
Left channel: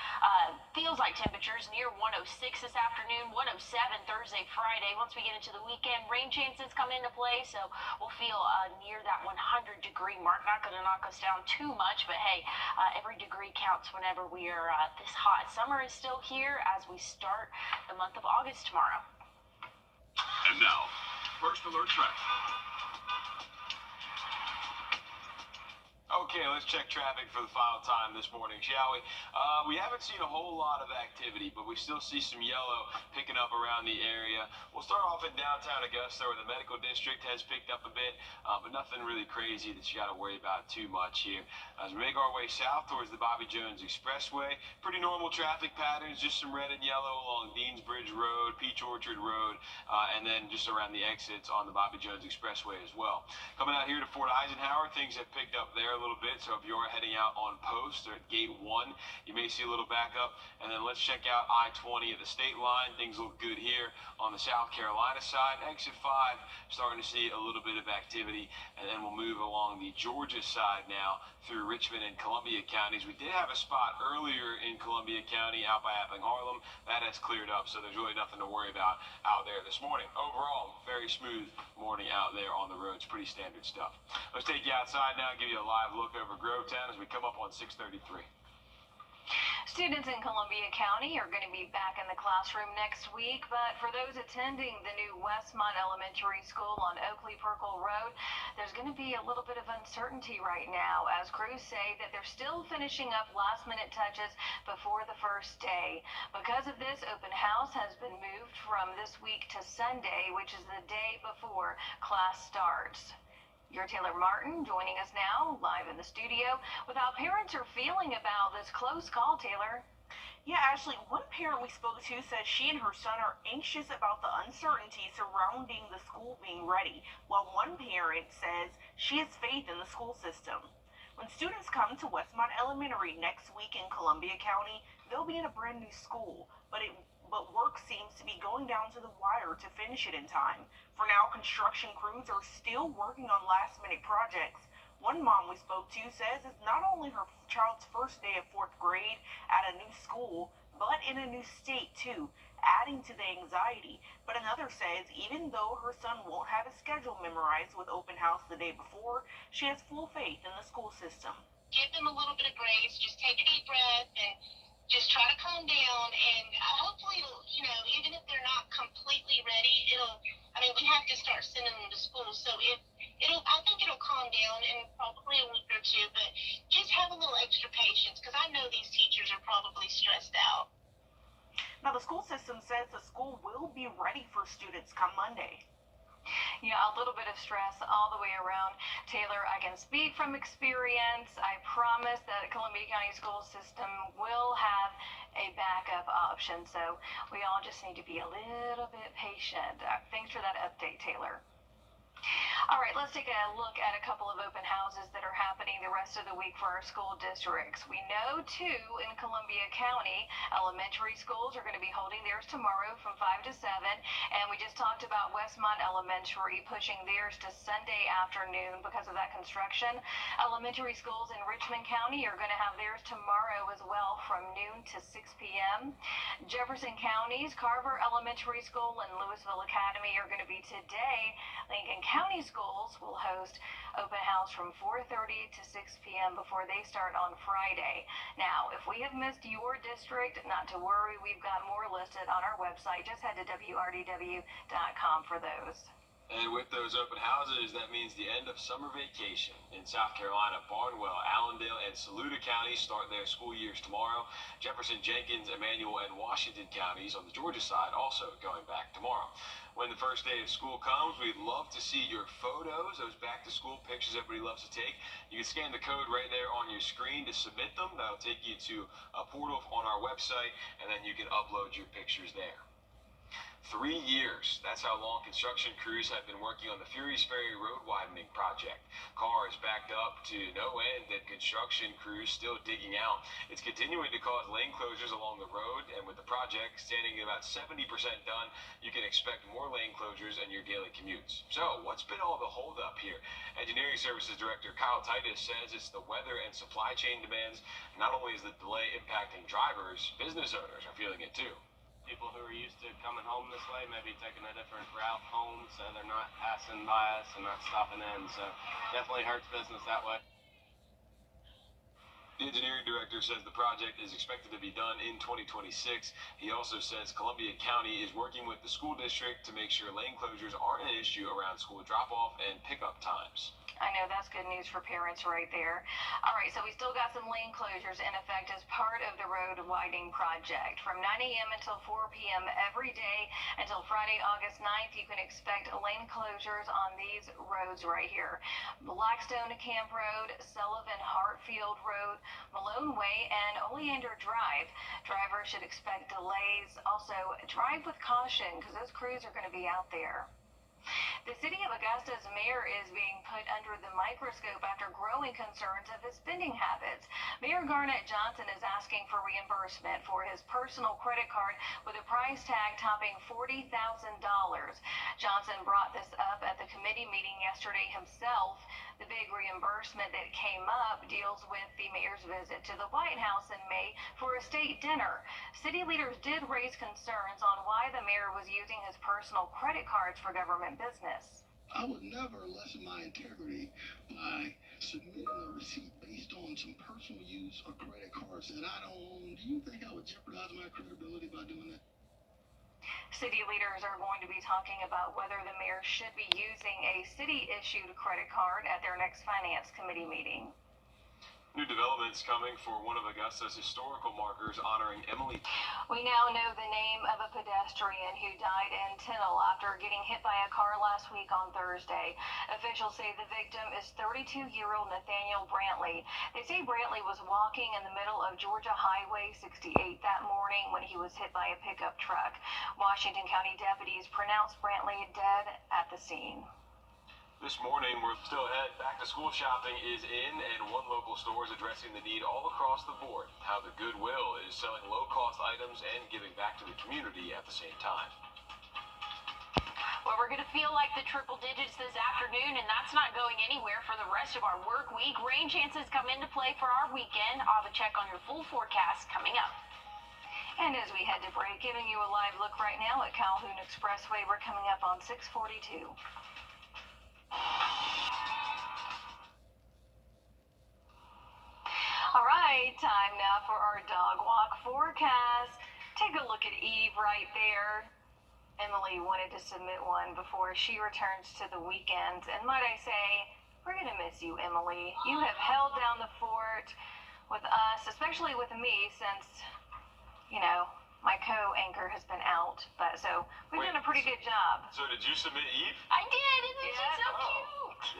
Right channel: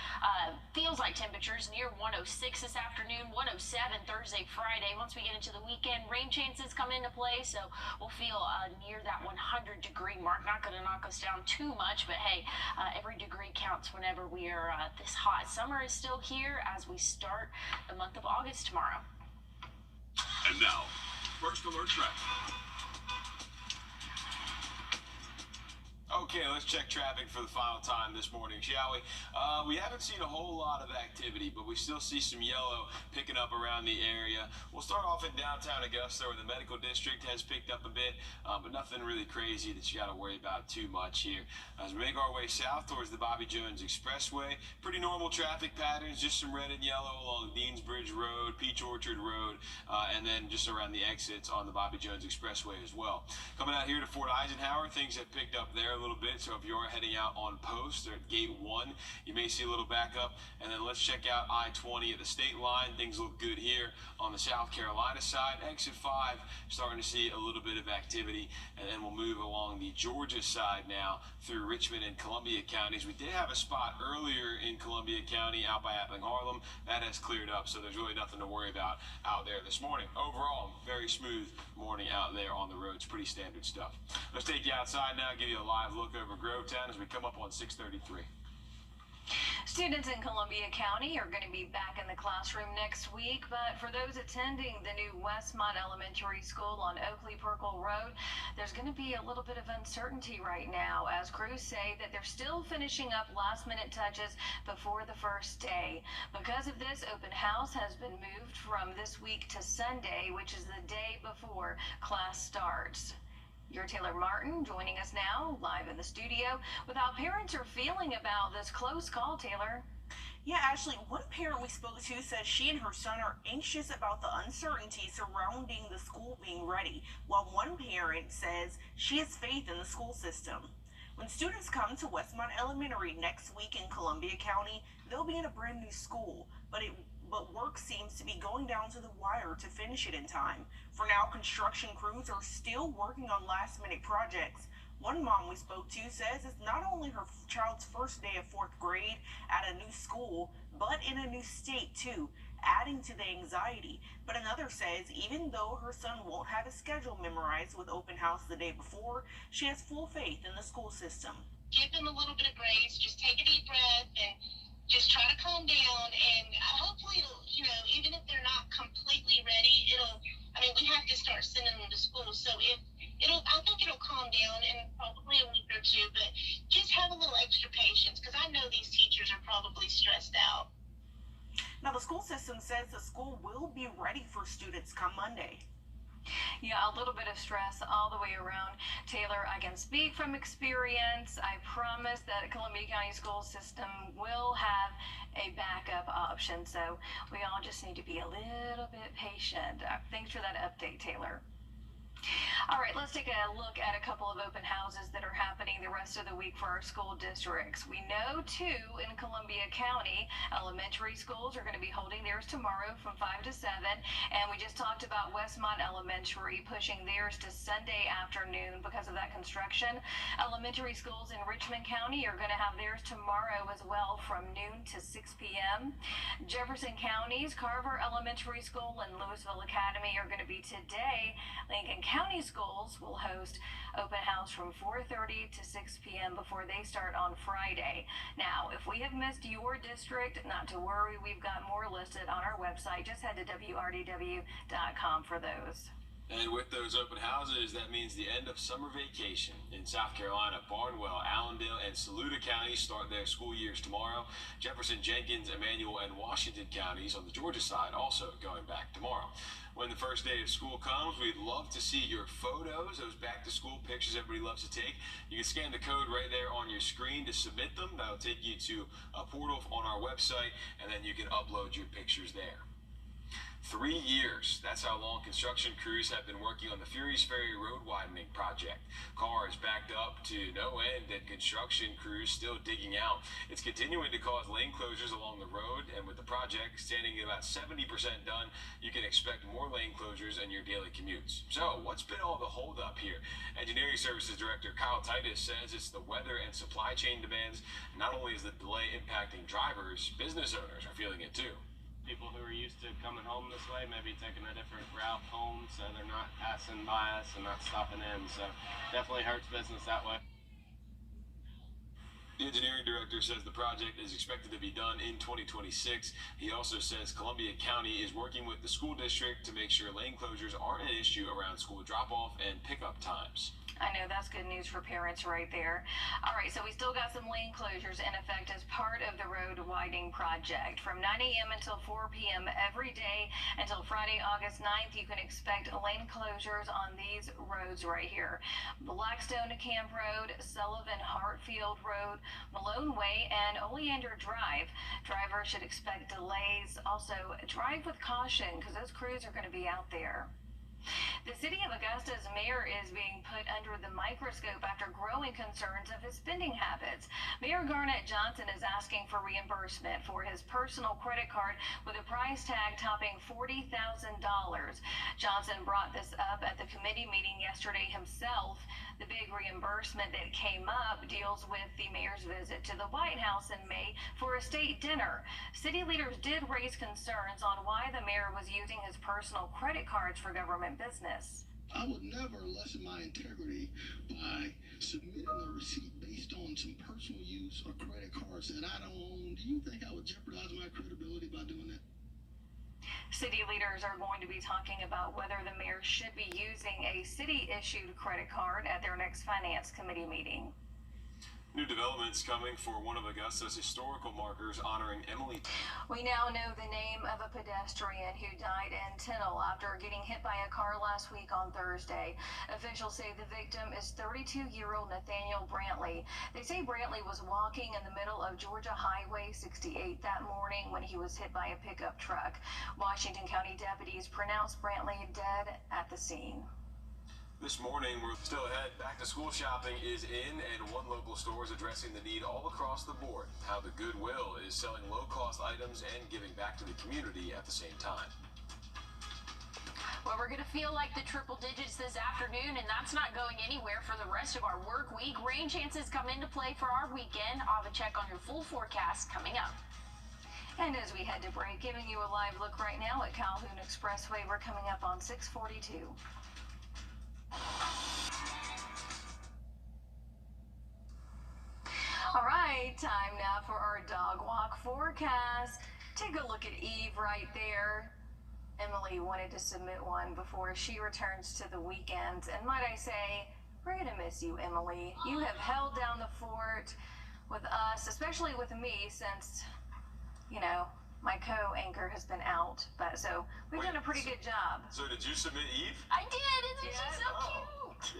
feels like temperatures near 106 this afternoon, 107 Thursday, Friday. Once we get into the weekend, rain chances come into play, so we'll feel near that 100-degree mark. Not going to knock us down too much, but hey, every degree counts whenever we are this hot. Summer is still here as we start the month of August tomorrow. And now, first alert traffic. Okay, let's check traffic for the final time this morning, shall we? We haven't seen a whole lot of activity, but we still see some yellow picking up around the area. We'll start off in downtown Augusta, where the medical district has picked up a bit, but nothing really crazy that you got to worry about too much here. As we make our way south towards the Bobby Jones Expressway, pretty normal traffic patterns, just some red and yellow along Deansbridge Road, Peach Orchard Road, and then just around the exits on the Bobby Jones Expressway as well. Coming out here to Fort Eisenhower, things have picked up there a little bit, so if you are heading out on post or at gate 1, you may see a little backup. And then let's check out I-20 at the state line. Things look good here on the South Carolina side. Exit 5, starting to see a little bit of activity, and then we'll move along the Georgia side now through Richmond and Columbia counties. We did have a spot earlier in Columbia County out by Appling Harlem. That has cleared up, so there's really nothing to worry about out there this morning. Overall, very smooth morning out there on the roads. Pretty standard stuff. Let's take you outside now, give you a live look over Grovetown as we come up on 633. Students in Columbia County are going to be back in the classroom next week, but for those attending the new Westmont Elementary School on Oakley Perkle Road, there's going to be a little bit of uncertainty right now as crews say that they're still finishing up last-minute touches before the first day. Because of this, open house has been moved from this week to Sunday, which is the day before class starts. You're Taylor Martin joining us now live in the studio with how parents are feeling about this close call, Taylor. Yeah, Ashley, one parent we spoke to says she and her son are anxious about the uncertainty surrounding the school being ready, while one parent says she has faith in the school system. When students come to Westmont Elementary next week in Columbia County, they'll be in a brand new school, but work seems to be going down to the wire to finish it in time. For now, construction crews are still working on last-minute projects. One mom we spoke to says it's not only her child's first day of 4th grade at a new school, but in a new state too, adding to the anxiety. But another says even though her son won't have his schedule memorized with open house the day before, she has full faith in the school system. Give them a little bit of grace, just take a deep breath and just try to calm down, and hopefully it'll, even if they're not completely ready, we have to start sending them to school. So if I think it'll calm down in probably a week or two, but just have a little extra patience because I know these teachers are probably stressed out. Now, the school system says the school will be ready for students come Monday. Yeah, a little bit of stress all the way around. Taylor, I can speak from experience. I promise that Columbia County school system will have a backup option. So we all just need to be a little bit patient. Thanks for that update, Taylor. All right, let's take a look at a couple of open houses that are happening the rest of the week for our school districts. We know, too, in Columbia County, elementary schools are going to be holding theirs tomorrow from 5 to 7. And we just talked about Westmont Elementary pushing theirs to Sunday afternoon because of that construction. Elementary schools in Richmond County are going to have theirs tomorrow as well from noon to 6 p.m. Jefferson County's Carver Elementary School and Louisville Academy are going to be today. Lincoln County schools will host open house from 4:30 to 6 p.m. before they start on Friday. Now, if we have missed your district, not to worry, we've got more listed on our website. Just head to wrdw.com for those. And with those open houses, that means the end of summer vacation. In South Carolina, Barnwell, Allendale, and Saluda counties start their school years tomorrow. Jefferson, Jenkins, Emmanuel, and Washington counties on the Georgia side also going back tomorrow. When the first day of school comes, we'd love to see your photos, those back-to-school pictures everybody loves to take. You can scan the code right there on your screen to submit them. That'll take you to a portal on our website, and then you can upload your pictures there. 3 years. That's how long construction crews have been working on the Furious Ferry road widening project. Cars backed up to no end and construction crews still digging out. It's continuing to cause lane closures along the road, and with the project standing at about 70% done, you can expect more lane closures in your daily commutes. So, what's been all the holdup here? Engineering Services Director Kyle Titus says it's the weather and supply chain demands. Not only is the delay impacting drivers, business owners are feeling it too. People who are used to coming home this way maybe taking a different route home, so they're not passing by us and not stopping in, so definitely hurts business that way. The engineering director says the project is expected to be done in 2026. He also says Columbia County is working with the school district to make sure lane closures aren't an issue around school drop-off and pickup times. I know that's good news for parents right there. All right, so we still got some lane closures in effect as part of the road widening project. From 9 a.m. until 4 p.m. every day until Friday, August 9th, you can expect lane closures on these roads right here. Blackstone to Camp Road, Sullivan Hartfield Road, Malone Way, and Oleander Drive. Drivers should expect delays. Also, drive with caution because those crews are going to be out there. The city of Augusta's mayor is being put under the microscope after growing concerns of his spending habits. Mayor Garnett Johnson is asking for reimbursement for his personal credit card with a price tag topping $40,000. Johnson brought this up at the committee meeting yesterday himself. The big reimbursement that came up deals with the mayor's visit to the White House in May for a state dinner. City leaders did raise concerns on why the mayor was using his personal credit cards for government business. I would never lessen my integrity by submitting a receipt based on some personal use of credit cards that I don't own. Do you think I would jeopardize my credibility by doing that? City leaders are going to be talking about whether the mayor should be using a city-issued credit card at their next finance committee meeting. New developments coming for one of Augusta's historical markers honoring Emily. We now know the name of a pedestrian who died in Tyndall after getting hit by a car last week on Thursday. Officials say the victim is 32-year-old Nathaniel Brantley. They say Brantley was walking in the middle of Georgia Highway 68 that morning when he was hit by a pickup truck. Washington County deputies pronounced Brantley dead at the scene. This morning, we're still ahead. Back to school shopping is in, and one local store is addressing the need all across the board. How the Goodwill is selling low-cost items and giving back to the community at the same time. Well, we're going to feel like the triple digits this afternoon, and that's not going anywhere for the rest of our work week. Rain chances come into play for our weekend. I'll have a check on your full forecast coming up. And as we head to break, giving you a live look right now at Calhoun Expressway. We're coming up on 642. All right, time now for our dog walk forecast. Take a look at Eve right there. Emily wanted to submit one before she returns to the weekends. And might I say, we're going to miss you, Emily. You have held down the fort with us, especially with me, since, you know, my co-anchor has been out. But so we've done a pretty good job. So did you submit Eve? I did. Isn't she so cute?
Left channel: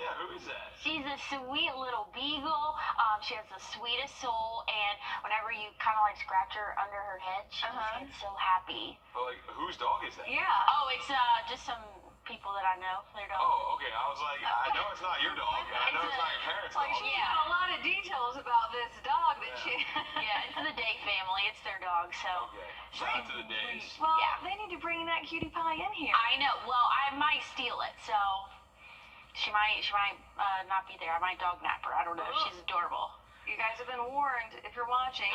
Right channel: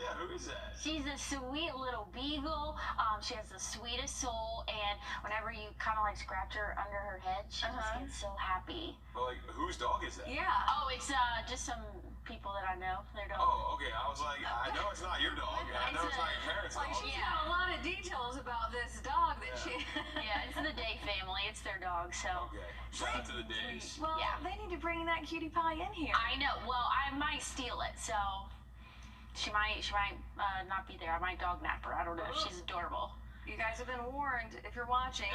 Yeah, who is that? She's a sweet little beagle. She has the sweetest soul, and whenever you kind of like scratch her under her head, she just gets so happy. Well, like, whose dog is that? Yeah. Oh, it's just some people that I know. Their dog. Oh, okay. I was like, I know it's not your dog. I know it's not your parents' Like dog. she's got a lot of details about this dog that she. Yeah, it's the Day family. It's their dog, so. Okay. Shout out to the Days. Well, Yeah. they need to bring that cutie pie in here. I know. Well, I might steal it, so she might not be there. I might dog nap her. I don't know. She's adorable. You guys have been warned if you're watching.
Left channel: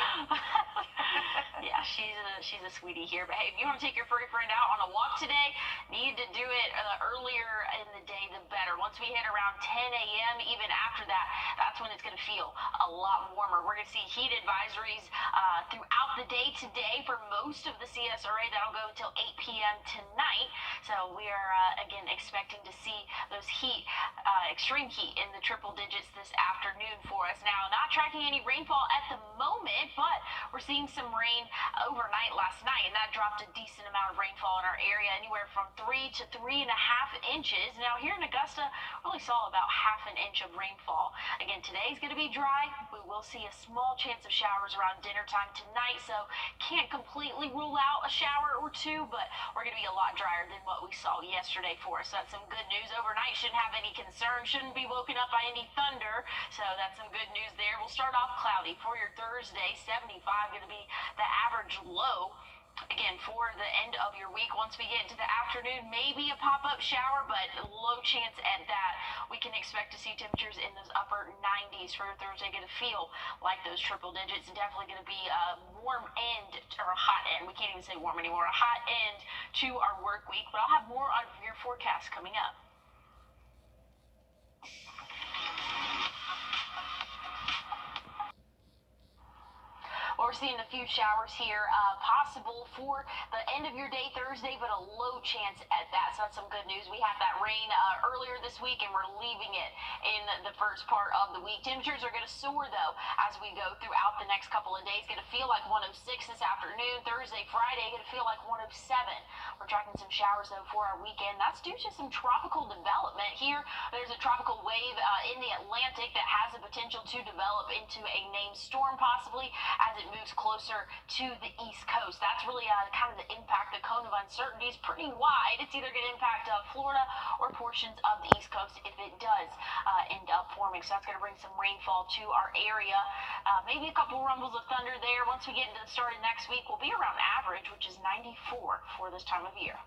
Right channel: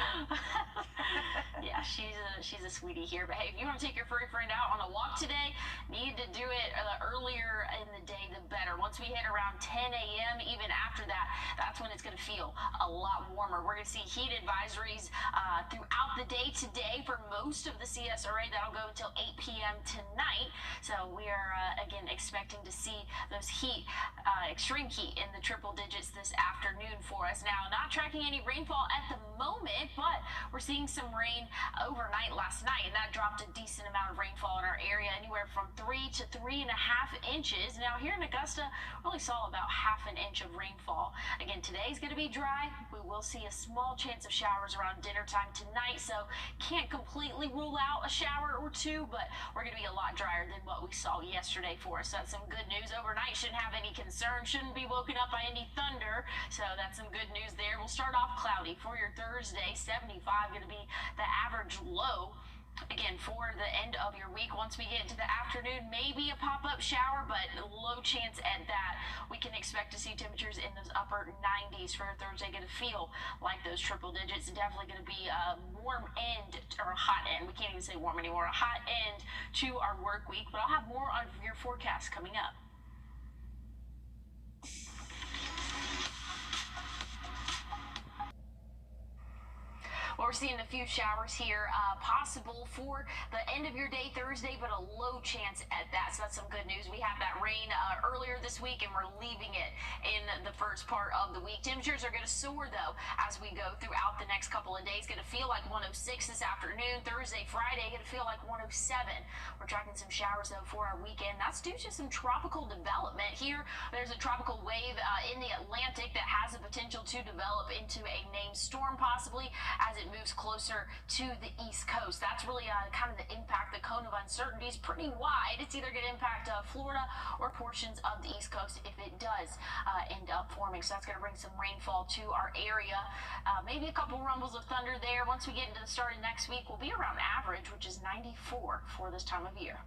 Yeah, she's a sweetie here. But hey, if you want to take your furry friend out on a walk today, need to do it earlier in the day, the better. Once we hit around 10 a.m., even after that, that's when it's going to feel a lot warmer. We're going to see heat advisories throughout the day today for most of the CSRA. That'll go until 8 p.m. tonight. So we are, again, expecting to see those extreme heat in the triple digits this afternoon for us. Now, not tracking any rainfall at the moment, but we're seeing some rain overnight last night, and that dropped a decent amount of rainfall in our area, anywhere from 3 to 3.5 inches. Now, here in Augusta, we only saw about half an inch of rainfall. Again, today's going to be dry. We will see a small chance of showers around dinner time tonight, so can't completely rule out a shower or two, but we're going to be a lot drier than what we saw yesterday for us. So that's some good news. Overnight, shouldn't have any concern, shouldn't be woken up by any thunder, so that's some good news there. We'll start off cloudy for your Thursday. 75 going to be the average low. Again, for the end of your week, once we get into the afternoon, maybe a pop-up shower, but low chance at that. We can expect to see temperatures in those upper 90s for Thursday. Going to feel like those triple digits. Definitely going to be a warm end, or a hot end. We can't even say warm anymore. A hot end to our work week, but I'll have more on your forecast coming up. Well, we're seeing a few showers here, possible for the end of your day Thursday, but a low chance at that. So that's some good news. We had that rain earlier this week, and we're leaving it in the first part of the week. Temperatures are going to soar, though, as we go throughout the next couple of days. Going to feel like 106 this afternoon. Thursday, Friday, going to feel like 107. We're tracking some showers, though, for our weekend. That's due to some tropical development here. There's a tropical wave in the Atlantic that has the potential to develop into a named storm, possibly, as it moves closer to the East Coast. That's really kind of the impact. The cone of uncertainty is pretty wide. It's either going to impact Florida or portions of the East Coast if it does end up forming. So that's going to bring some rainfall to our area. Maybe a couple rumbles of thunder there. Once we get into the start of next week, we'll be around average, which is 94 for this time of year.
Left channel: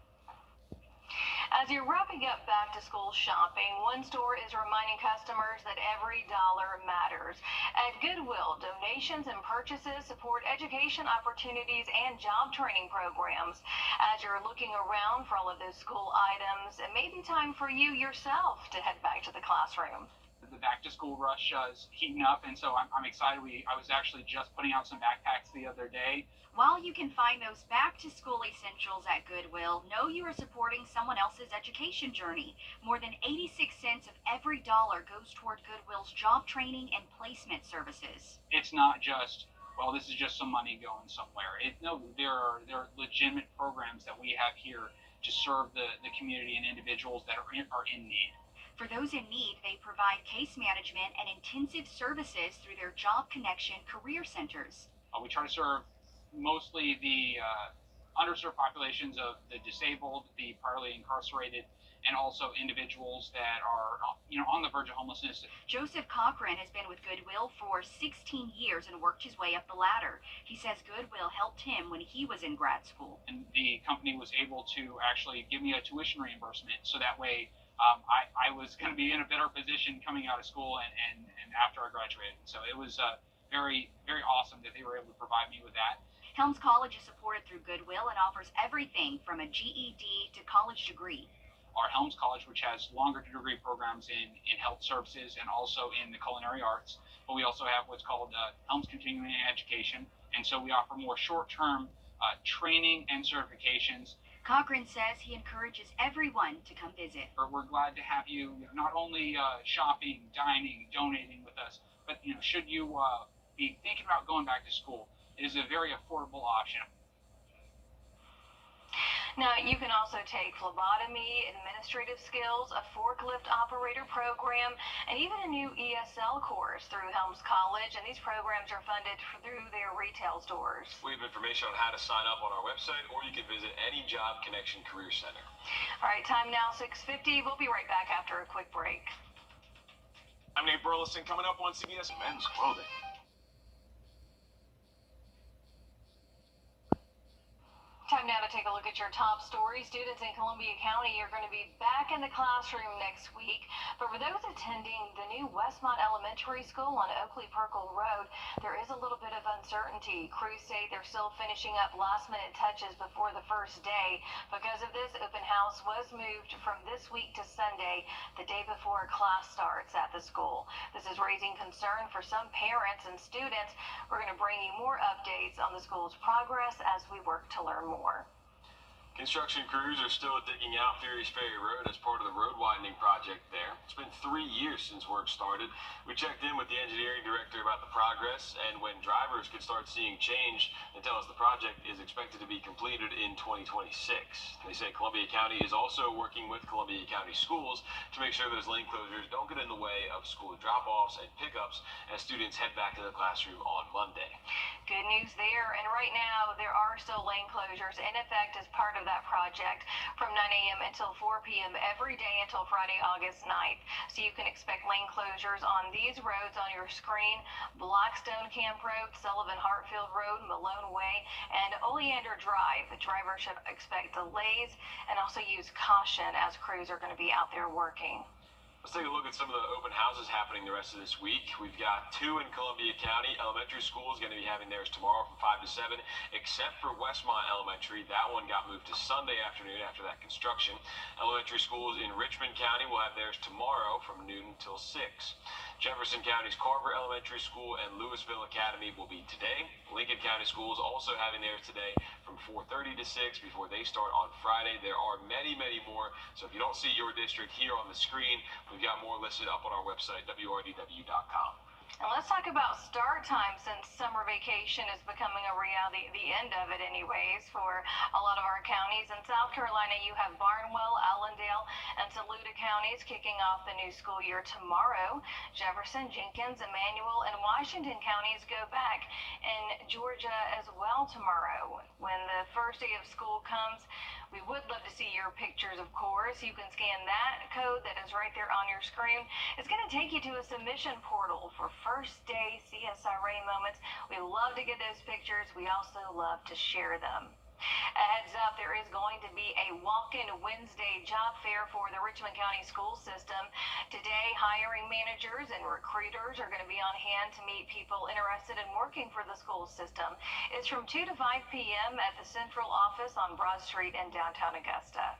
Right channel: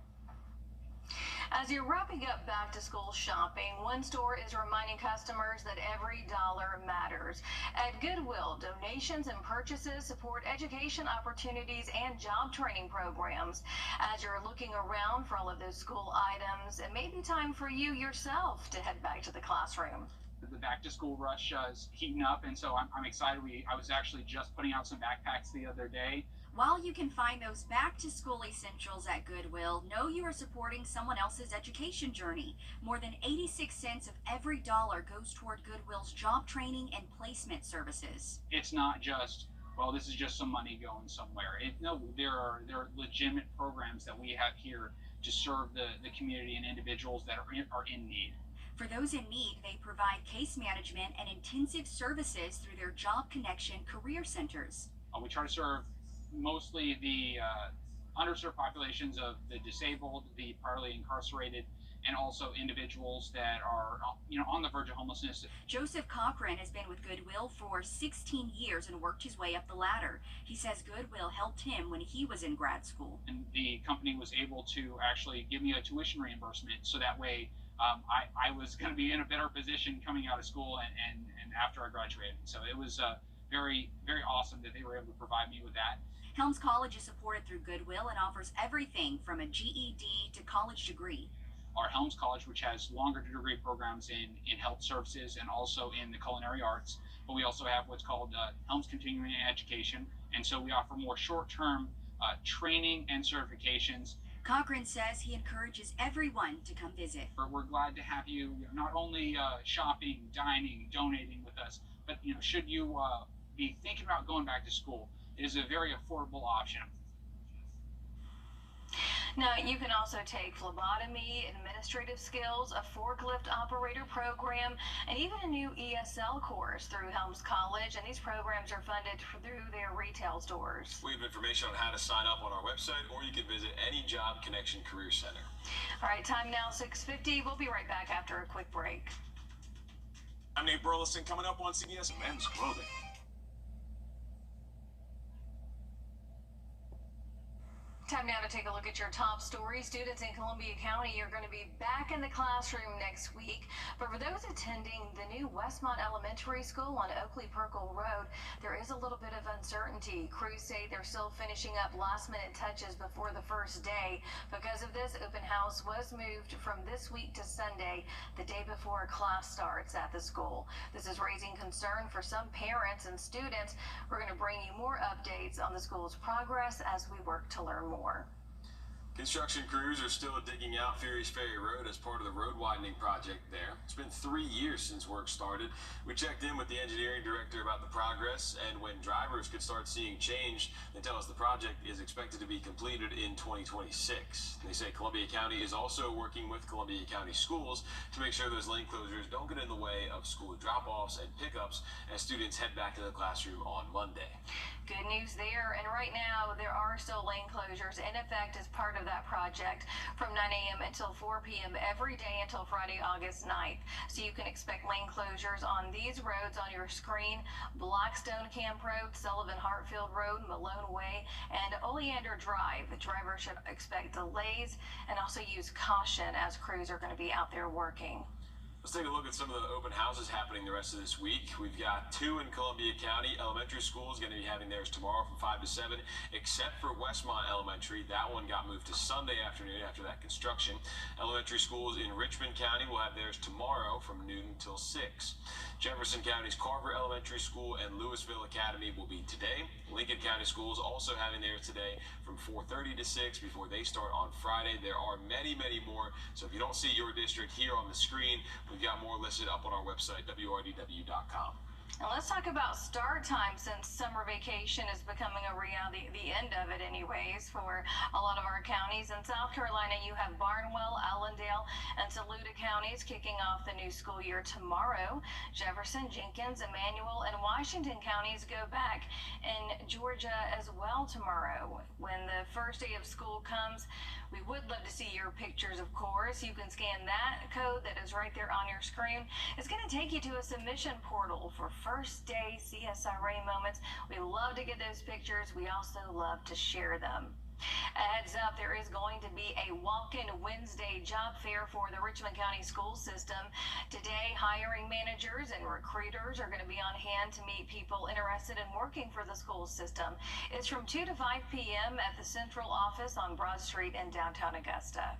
As you're wrapping up back-to-school shopping, one store is reminding customers that every dollar matters. At Goodwill, donations and purchases support education opportunities and job training programs. As you're looking around for all of those school items, it may be time for you yourself to head back to the classroom. The back-to-school rush is heating up, and so I'm excited. I was actually just putting out some backpacks the other day. While you can find those back-to-school essentials at Goodwill, know you are supporting someone else's education journey. More than 86 cents of every dollar goes toward Goodwill's job training and placement services. It's not just, well, this is just some money going somewhere. No, there are legitimate programs that we have here to serve the community and individuals that are in need. For those in need, they provide case management and intensive services through their Job Connection career centers. We try to serve mostly the underserved populations of the disabled, the priorly incarcerated, and also individuals that are on the verge of homelessness. Joseph Cochran has been with Goodwill for 16 years and worked his way up the ladder. He says Goodwill helped him when he was in grad school. And the company was able to actually give me a tuition reimbursement, so that way I was going to be in a better position coming out of school and after I graduated. So it was very, very awesome that they were able to provide me with that. Helms College is supported through Goodwill and offers everything from a GED to college degree. Our Helms College, which has longer degree programs in health services and also in the culinary arts, but we also have what's called Helms Continuing Education, and so we offer more short-term training and certifications Cochran says he encourages everyone to come visit. We're glad to have you not only shopping, dining, donating with us, but should you be thinking about going back to school, it is a very affordable option. Now, you can also take phlebotomy, administrative skills, a forklift operator program, and even a new ESL course through Helms College, and these programs are funded through their retail stores. We have information on how to sign up on our website, or you can visit any Job Connection Career Center. All right, time now 6:50. We'll be right back after a quick break. I'm Nate Burleson, coming up on CBS Men's Clothing. Time now to take a look at your top stories. Students in Columbia County are going to be back in the classroom next week. But for those attending the new Westmont Elementary School on Oakley Perkle Road, there is a little bit of uncertainty. Crews say they're still finishing up last-minute touches before the first day. Because of this, open house was moved from this week to Sunday, the day before class starts at the school. This is raising concern for some parents and students. We're going to bring you more updates on the school's progress as we work to learn more. Construction crews are still digging out Furious Ferry Road as part of the road widening project there. It's been 3 years since work started. We checked in with the engineering director about the progress, and when drivers could start seeing change, they tell us the project is expected to be completed in 2026. They say Columbia County is also working with Columbia County schools to make sure those lane closures don't get in the way of school drop-offs and pickups as students head back to the classroom on Monday. Good news there, and right now there are still lane closures in effect as part of that project from 9 a.m. until 4 p.m. every day until Friday, August 9th. So you can expect lane closures on these roads on your screen: Blackstone Camp Road, Sullivan Hartfield Road, Malone Way, and Oleander Drive. The driver should expect delays and also use caution as crews are going to be out there working. Let's take a look at some of the open houses happening the rest of this week. We've got 2 in Columbia County. Elementary school is going to be having theirs tomorrow from 5 to 7, except for Westmont Elementary. That one got moved to Sunday afternoon after that construction. Elementary schools in Richmond County will have theirs tomorrow from noon until 6. Jefferson County's Carver Elementary School and Louisville Academy will be today. Lincoln County Schools also having theirs today from 4:30 to 6 before they start on Friday. There are many, many more. So if you don't see your district here on the screen, we've got more listed up on our website, wrdw.com. And let's talk about start time, since summer vacation is becoming a reality, the end of it anyways, for a lot of our counties. In South Carolina, you have Barnwell, Allendale, and Saluda counties kicking off the new school year tomorrow. Jefferson, Jenkins, Emmanuel, and Washington counties go back, and Georgia as well tomorrow. When the first day of school comes, we would love to see your pictures, of course. You can scan that code that is right there on your screen. It's going to take you to a submission portal for first day CSRA moments. We love to get those pictures. We also love to share them. A heads up, there is going to be a walk-in Wednesday job fair for the Richmond County school system. Today, hiring managers and recruiters are going to be on hand to meet people interested in working for the school system. It's from 2 to 5 p.m. at the central office on Broad Street in downtown Augusta.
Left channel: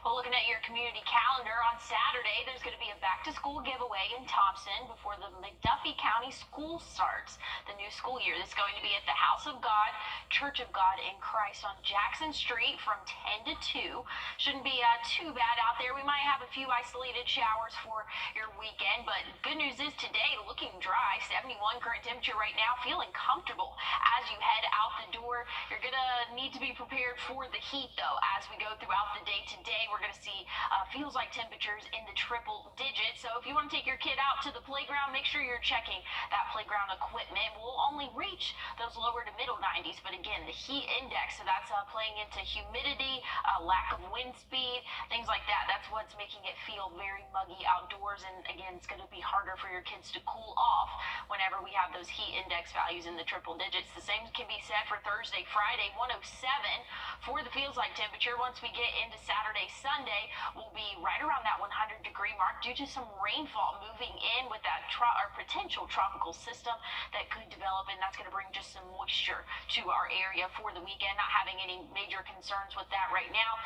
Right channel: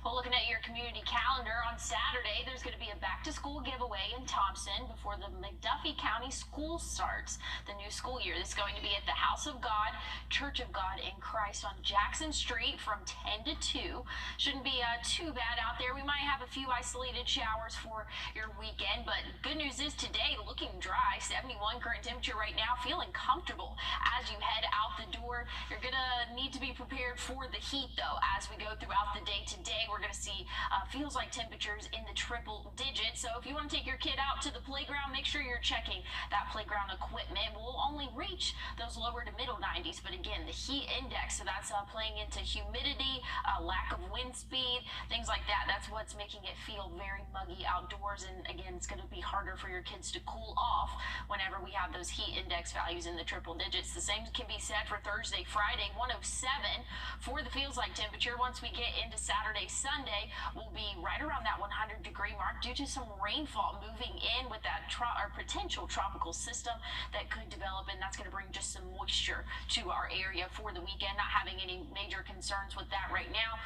Well, looking at your community calendar, on Saturday, there's going to be a back-to-school giveaway in Thompson before the McDuffie County school starts the new school year. This is going to be at the House of God, Church of God in Christ on Jackson Street from 10 to 2. Shouldn't be too bad out there. We might have a few isolated showers for your weekend, but good news is today, looking dry, 71 current temperature right now, feeling comfortable as you head out the door. You're going to need to be prepared for the heat, though, as we go throughout the day today. We're going to see feels like temperatures in the triple digits. So if you want to take your kid out to the playground, make sure you're checking that playground equipment. We'll only reach those lower to middle 90s, but again, the heat index, so that's playing into humidity, lack of wind speed, things like that. That's what's making it feel very muggy outdoors. And again, it's going to be harder for your kids to cool off whenever we have those heat index values in the triple digits. The same can be said for Thursday, Friday, 107 for the feels like temperature. Once we get into Saturday, Sunday, will be right around that 100-degree mark due to some rainfall moving in with that potential tropical system that could develop, and that's going to bring just some moisture to our area for the weekend. Not having any major concerns with that right now.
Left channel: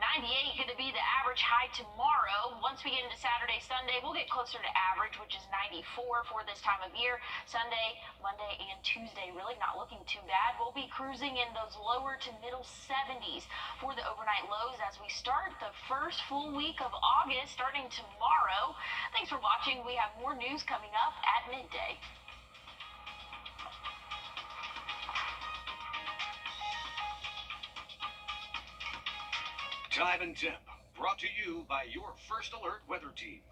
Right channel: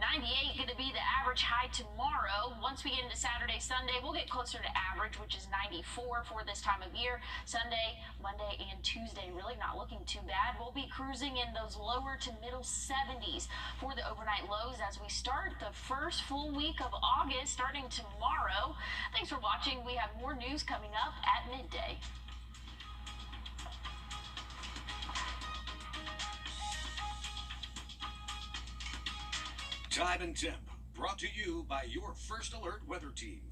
98 going to be the average high tomorrow. Once we get into Saturday, Sunday, we'll get closer to average, which is 94 for this time of year. Sunday, Monday, and Tuesday really not looking too bad. We'll be cruising in those lower to middle 70s for the overnight lows as we start the first full week of August starting tomorrow. Thanks for watching. We have more news coming up at midday. Time and Temp, brought to you by your First Alert Weather Team.